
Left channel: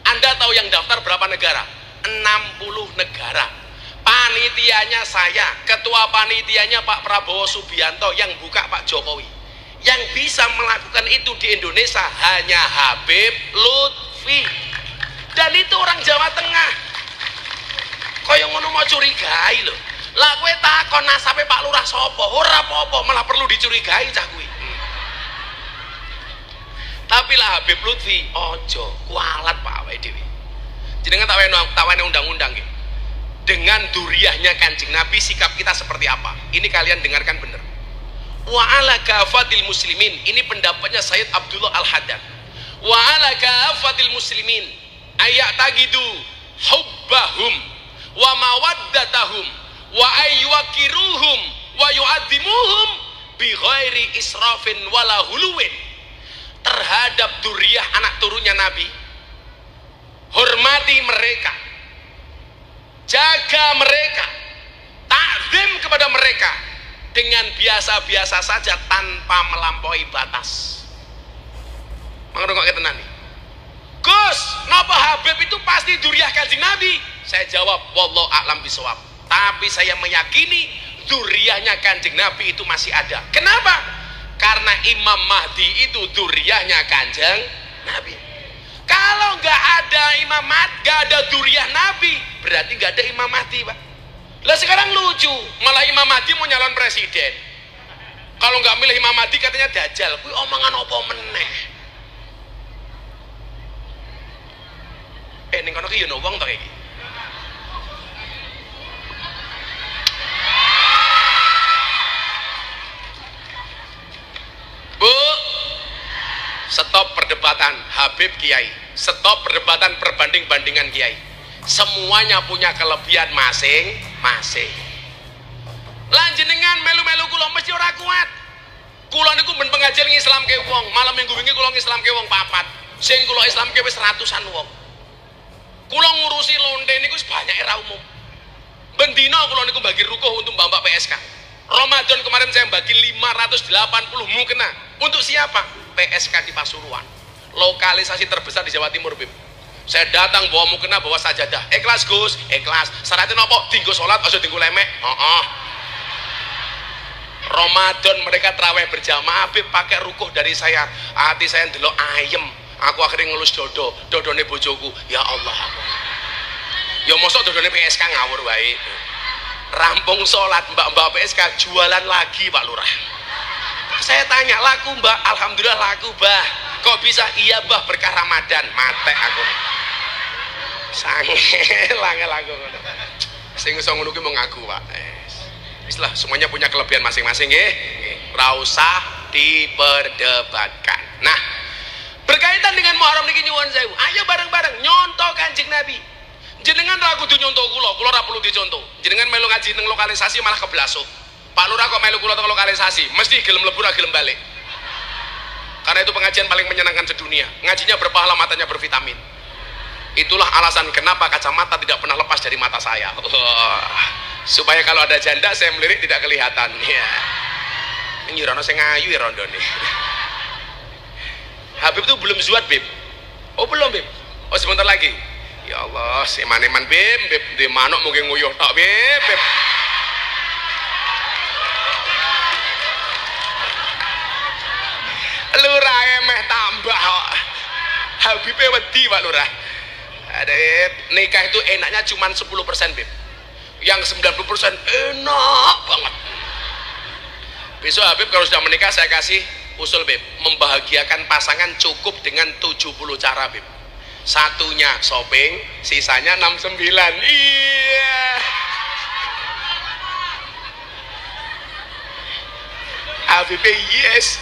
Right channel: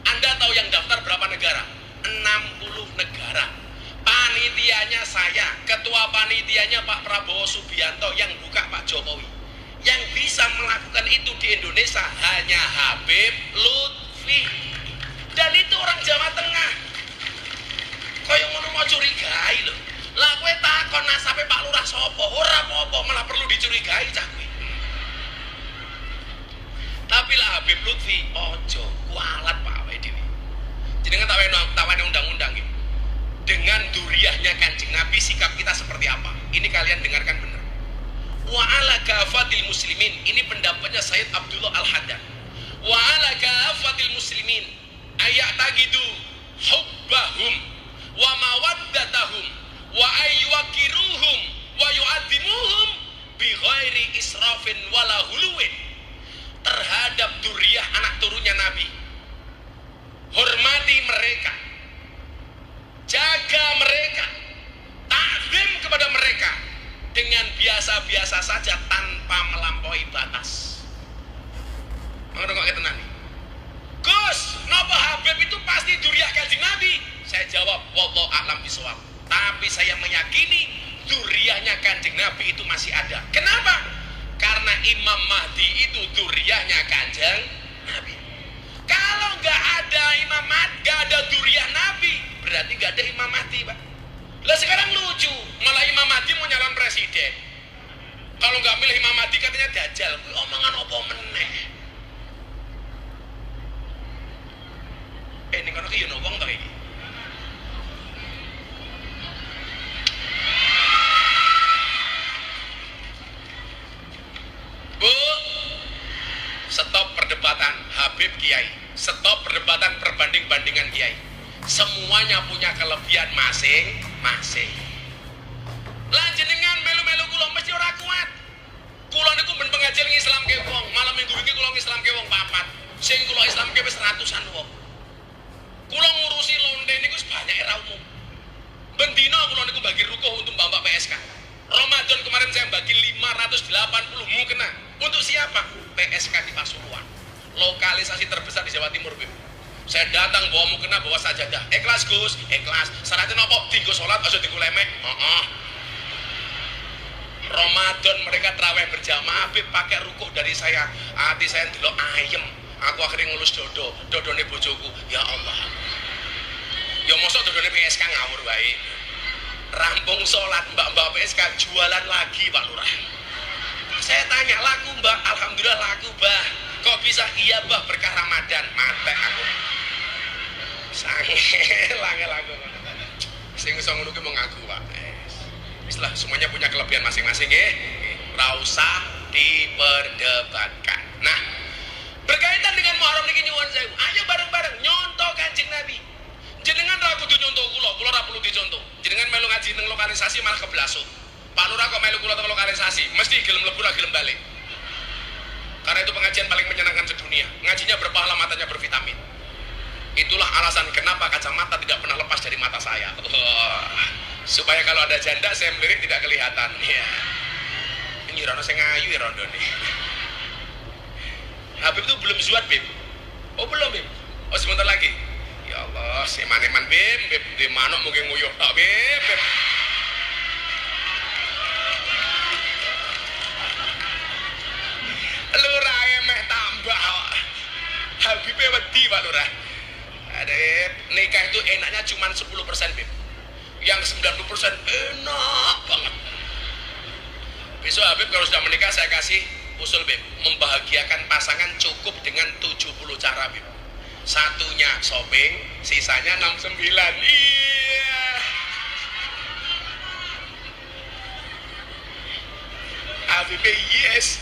Anda tahu yang daftar berapa negara? 60 negara. Panitianya saya, ketua panitianya Pak Prabowo Subianto, yang buka Pak Jokowi. Yang bisa melakukan itu di Indonesia hanya Habib Lutfi. Dan itu orang Jawa Tengah. Kaya ngono mau curigai lho. Lah kowe takon nasabe Pak Lurah sapa? Ora apa-apa, malah perlu dicurigai cah kuwi. Tapi lah Habib Lutfi ojo kualat Pak awake dhewe. Jenengan tawane undang-undang nggih. Dengan duriyahnya Kanjeng Nabi sikap kita seperti apa? Ini kalian dengarkan benar. Wa ala kafatil muslimin, ini pendapatnya Sayyid Abdullah Al-Haddad. Wa ala kafatil muslimin ayatagidu hubbahum wa mawaddatahum wa ayyukiruhum wa yu'addimuhum bi ghairi israfin wala huluwin. Terhadap duriyah anak turunnya Nabi, hormati mereka, jaga mereka, takzim kepada mereka dengan biasa-biasa saja tanpa melampaui batas. Mengerti kok ketenan nih? Gus, napa Habib itu pasti duriyah Kanjeng Nabi? Saya jawab, wallahu a'lam bishawab. Tapi saya meyakini duriyahnya Kanjeng Nabi itu masih ada. Kenapa? Karena Imam Mahdi itu duriyahnya Kanjeng Nabi. Kalau nggak ada Imam Mahdi, nggak ada duriyah Nabi, berarti nggak ada Imam Mahdi, Pak. Lah sekarang lucu, malah Imam Mahdi mau nyalon presiden. Kalau nggak milih Imam Mahdi katanya dajjal. Kuwi omongan apa meneh? Ning kono ki yo ono wong to iki. Bu, stop perdebatan Habib Kiai, stop perdebatan perbanding-bandingan Kiai. Semuanya punya kelebihan masing-masing. Lan jenengan melu-melu kula mesti ora kuat. Kula niku ben pengajian ngislamke wong, malam minggu wingi kula ngislamke wong 4. Sing kula islamke wis ratusan wong. Kula ngurusi lonte niku banyak era umum. Ben dina kula niku bagi rukuh untuk Mbak PSK. Ramadan kemarin saya bagi 580 mukena. Untuk siapa? PSK di Pasuruan. Lokalisasi terbesar di Jawa Timur, Bim. Saya datang bawa mukena, bawa sajadah. Ikhlas Gus, ikhlas. Syaratnya nopo? Tinggu sholat, aja tinggu lemek. Ramadan mereka terawih berjamaah, Bim pakai rukuh dari saya. Hati saya ndelok ayem. Aku akhirnya ngelus dodone bojoku. Ya Allah. Ya mosok dodone PSK ngawur wae. Rampung sholat mbak-mbak PSK jualan lagi Pak Lurah. Saya tanya, laku Mbak? Alhamdulillah laku Mbak. Kok bisa? Iya Mbak, berkah Ramadan. Mate aku. Sange laku. Sing iso ngono ki mau ngaku Pak. Islah semuanya punya kelebihan masing-masing nggih. Ora usah diperdebatkan. Nah, berkaitan dengan Muharram niki nyuwun sewu. Ayo bareng-bareng nyontoh Kanjeng Nabi. Jenengan ra kudu nyontoh kula ra perlu dicontoh. Jenengan melu ngaji teng lokalisasi malah keblasuk. Pak Lurah kok melu kula teng lokalisasi, mesti gelem mlebu ra gelem balik. Karena itu pengajian paling menyenangkan sedunia. Ngajinya berpahala, matanya bervitamin. Itulah alasan kenapa kacamata tidak pernah lepas dari mata saya. Supaya kalau ada janda saya melirik tidak kelihatan. Ya. Ini rono sing ayu ya rondo nih. Habib itu belum zuat, Bib. Oh belum, Bib. Oh sebentar lagi. Ya Allah, eman-eman Bib di manuk mungkin nguyuh tok Bib. Lurah emeh tambah kok. Habibe wedi Pak Lurah. Aduh, nikah itu enaknya cuma 10% Bib. Yang 90% enak banget. Besok Habib kalau sudah menikah saya kasih usul Bib, membahagiakan pasangan cukup dengan 70 cara Bib. Satunya shopping, sisanya 69. Iya. Habib yes.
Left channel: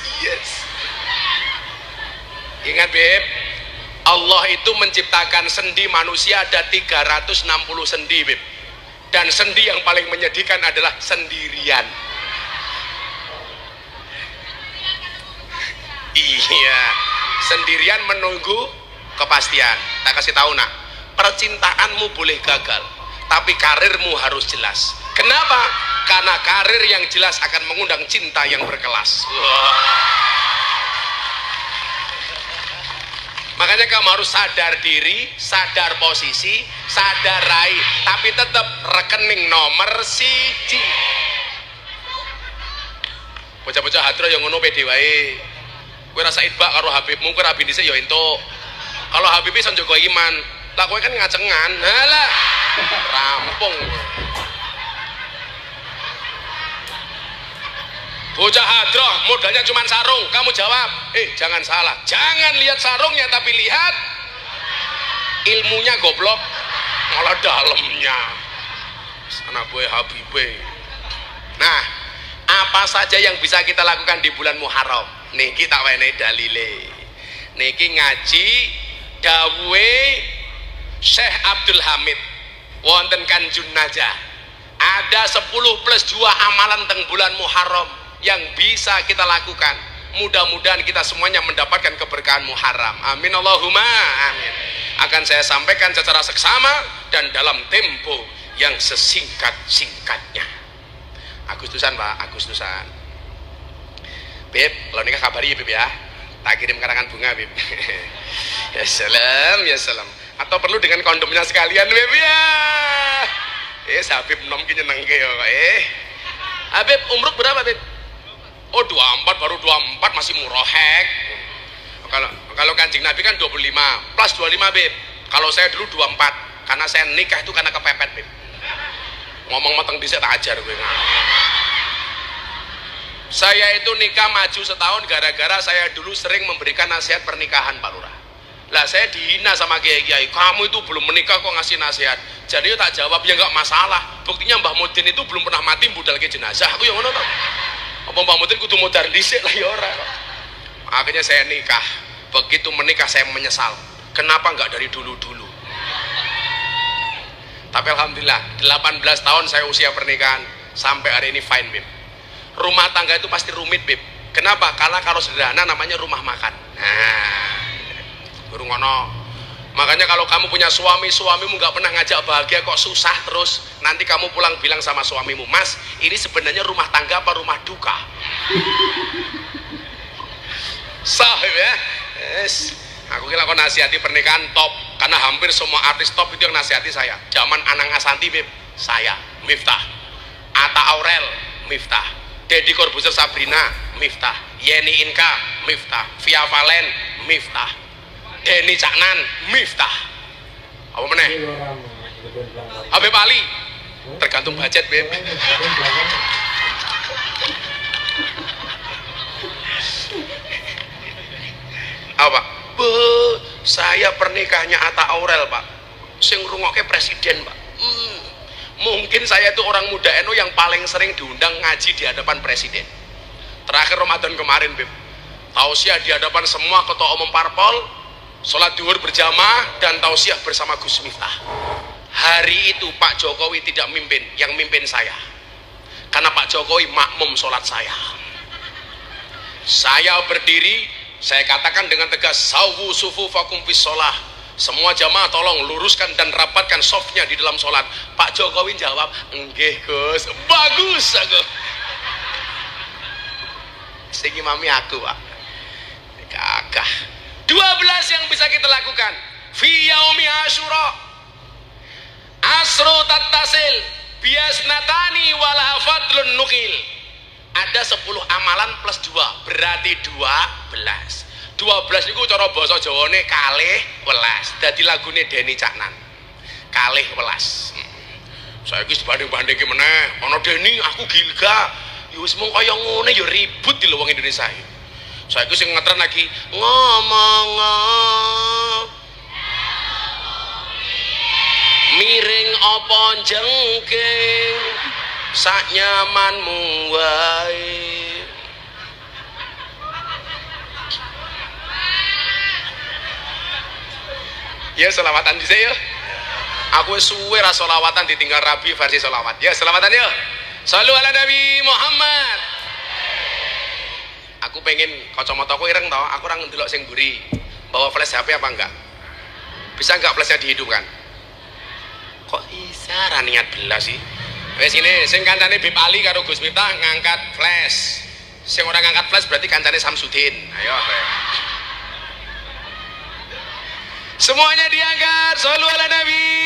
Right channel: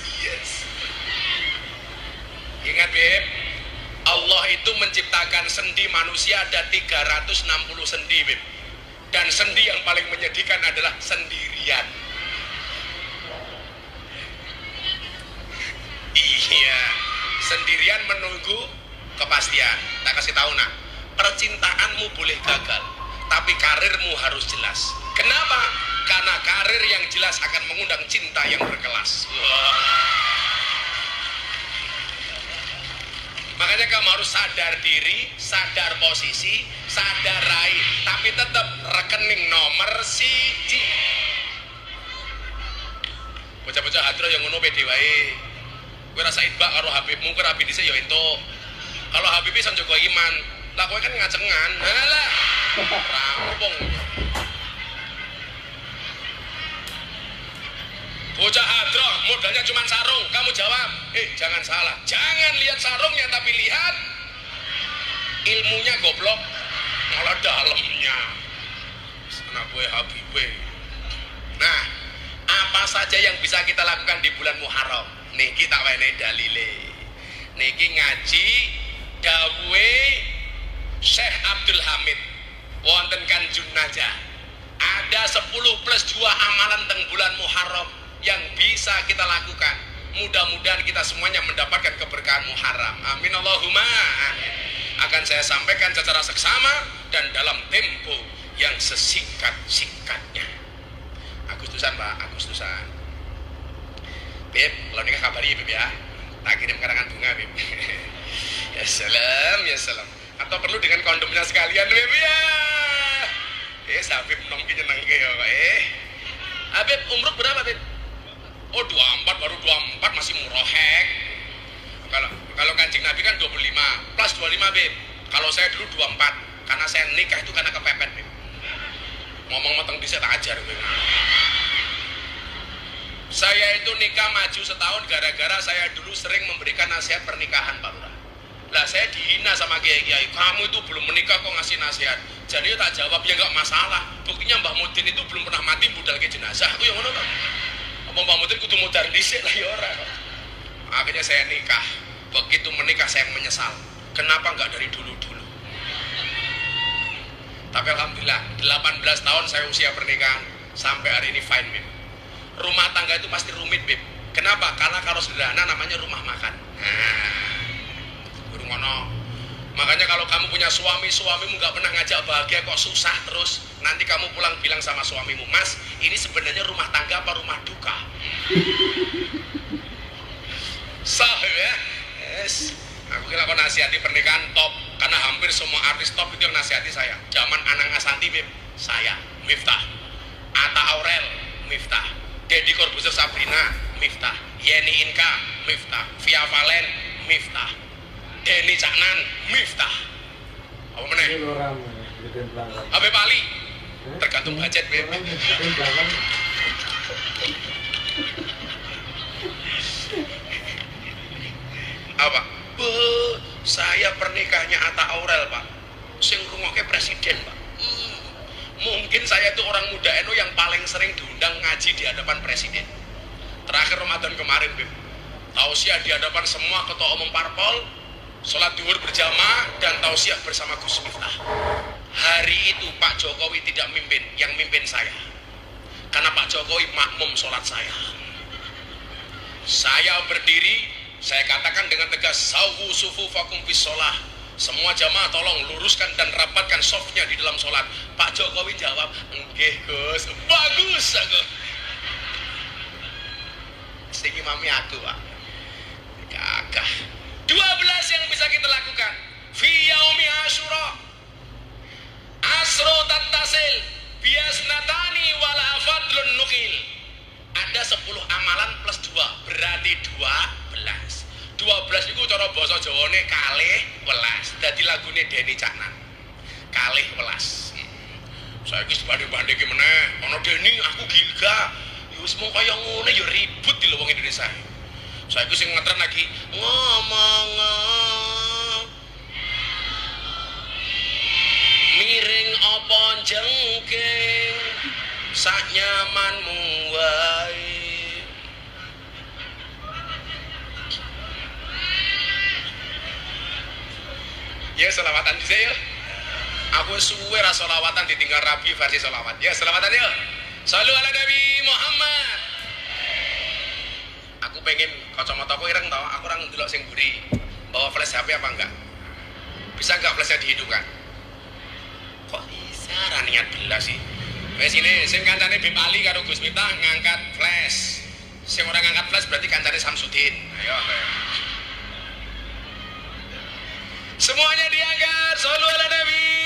Ingat Bib, Allah itu menciptakan sendi manusia ada 360 sendi Bib. Dan sendi yang paling menyedihkan adalah sendirian. Iya, sendirian menunggu kepastian. Tak kasih tahu nak, percintaanmu boleh gagal, tapi karirmu harus jelas. Kenapa? Karena karir yang jelas akan mengundang cinta yang berkelas. Makanya kamu harus sadar diri, sadar posisi, sadar raih, tapi tetap rekening nomor siji. Bocah-bocah hadro yang ngono pede wae. Kowe rasa idbak karo Habibmu, kowe rabi dhisik ya entuk. Kalau Habib iso njogo iman, lah kowe kan ngacengan. Halah. Rampung. Bocah hadroh modalnya cuma sarung, kamu jawab, jangan salah, jangan lihat sarungnya tapi lihat ilmunya goblok, malah dalamnya. Sana gue Habibie. Nah, apa saja yang bisa kita lakukan di bulan Muharram? Niki tak wenehi dalile. Niki ngaji dawuhe Syekh Abdul Hamid wonten Kanjun Najah. Ada 10+2 amalan teng bulan Muharram yang bisa kita lakukan. Mudah-mudahan kita semuanya mendapatkan keberkahan Muharram. Amin Allahumma amin. Akan saya sampaikan secara seksama dan dalam tempo yang sesingkat-singkatnya. Agustusan Pak, Agustusan. Beb, kalau nikah kabari ya Beb ya. Tak kirim karangan bunga Beb. Ya salam, ya salam. Atau perlu dengan kondomnya sekalian Beb ya. Habib nom ki nyenengke ya kok. Habib umruk berapa Beb? Oh 24, baru 24 masih murahek. Kalau Kanjeng Nabi kan 25 plus 25 Beb. Kalau saya dulu 24 karena saya nikah itu karena kepepet Beb. Ngomong mateng dhisik tak ajar kowe. Saya itu nikah maju setahun gara-gara saya dulu sering memberikan nasihat pernikahan Pak Lurah. Lah saya dihina sama kiai-kiai, kamu itu belum menikah kok ngasih nasihat. Jadi tak jawab ya nggak masalah. Buktinya Mbah Mudin itu belum pernah mati budal ke jenazah. Aku yang ngono tau. Apa Mbah Mudin kudu modar dhisik lah ya ora kok. Akhirnya saya nikah. Begitu menikah saya menyesal. Kenapa nggak dari dulu-dulu? Tapi alhamdulillah 18 tahun saya usia pernikahan sampai hari ini fine Beb. Rumah tangga itu pasti rumit Beb. Kenapa? Karena kalau sederhana namanya rumah makan. Nah, burung ngono. Makanya kalau kamu punya suami, suamimu nggak pernah ngajak bahagia kok susah terus. Nanti kamu pulang bilang sama suamimu, Mas, ini sebenarnya rumah tangga apa rumah duka? Sahib ya. Yes. Aku kira kok nasihati pernikahan top, karena hampir semua artis top itu yang nasihati saya. Zaman Anang Asanti Beb, saya, Miftah. Atta Aurel, Miftah. Deddy Corbuzier Sabrina, Miftah. Yeni Inka, Miftah. Via Valen, Miftah. Denny Caknan, Miftah. Apa meneh? Habib Ali. Tergantung budget, Beb. Apa? Saya pernikahannya Atta Aurel, Pak. Sing ngrungokke presiden, Pak. Mungkin saya itu orang muda NU yang paling sering diundang ngaji di hadapan presiden. Terakhir Ramadan kemarin, Beb. Tausiah di hadapan semua ketua umum parpol, sholat duhur berjamaah dan tausiah bersama Gus Miftah. Hari itu Pak Jokowi tidak mimpin, yang mimpin saya. Karena Pak Jokowi makmum sholat saya. Saya berdiri, saya katakan dengan tegas, sawu sufufakum fis sholah. Semua jamaah tolong luruskan dan rapatkan softnya di dalam sholat. Pak Jokowi jawab, enggih Gus, bagus aku. Sing imami aku, Pak. Gagah. 12 yang bisa kita lakukan. Fi yaumi Asyura. al-asru tattasil biasnatani walaha fadlun nukil. Ada 10 amalan plus 2 berarti 12. 12 niku cara basa Jawane kalih welas. Dadi lagune Denny Caknan. Kalih welas. Saiki dibanding-bandingke meneh, ana Denny aku gilga. Ya wis mung kaya ngene ya ribut di wong Indonesia. Saiki sing ngetren lagi ngomong miring apa jengking sak nyamanmu wae. Ya selawatan dhisik ya. Aku wis suwe ra selawatan ditinggal Rabi versi selawat. Ya selawatan ya. Shallu ala Nabi Muhammad. Aku pengen kacamataku ireng toh, aku ora ndelok sing mburi. Bawa flash HP apa enggak? Bisa enggak flashnya dihidupkan? Kok bisa ra niat belas sih? Wes ini sing kancane Bib Ali karo Gus Miftah ngangkat flash. Sing ora ngangkat flash berarti kancane Samsudin. Ayo. Semuanya diangkat. Shallu ala Nabi.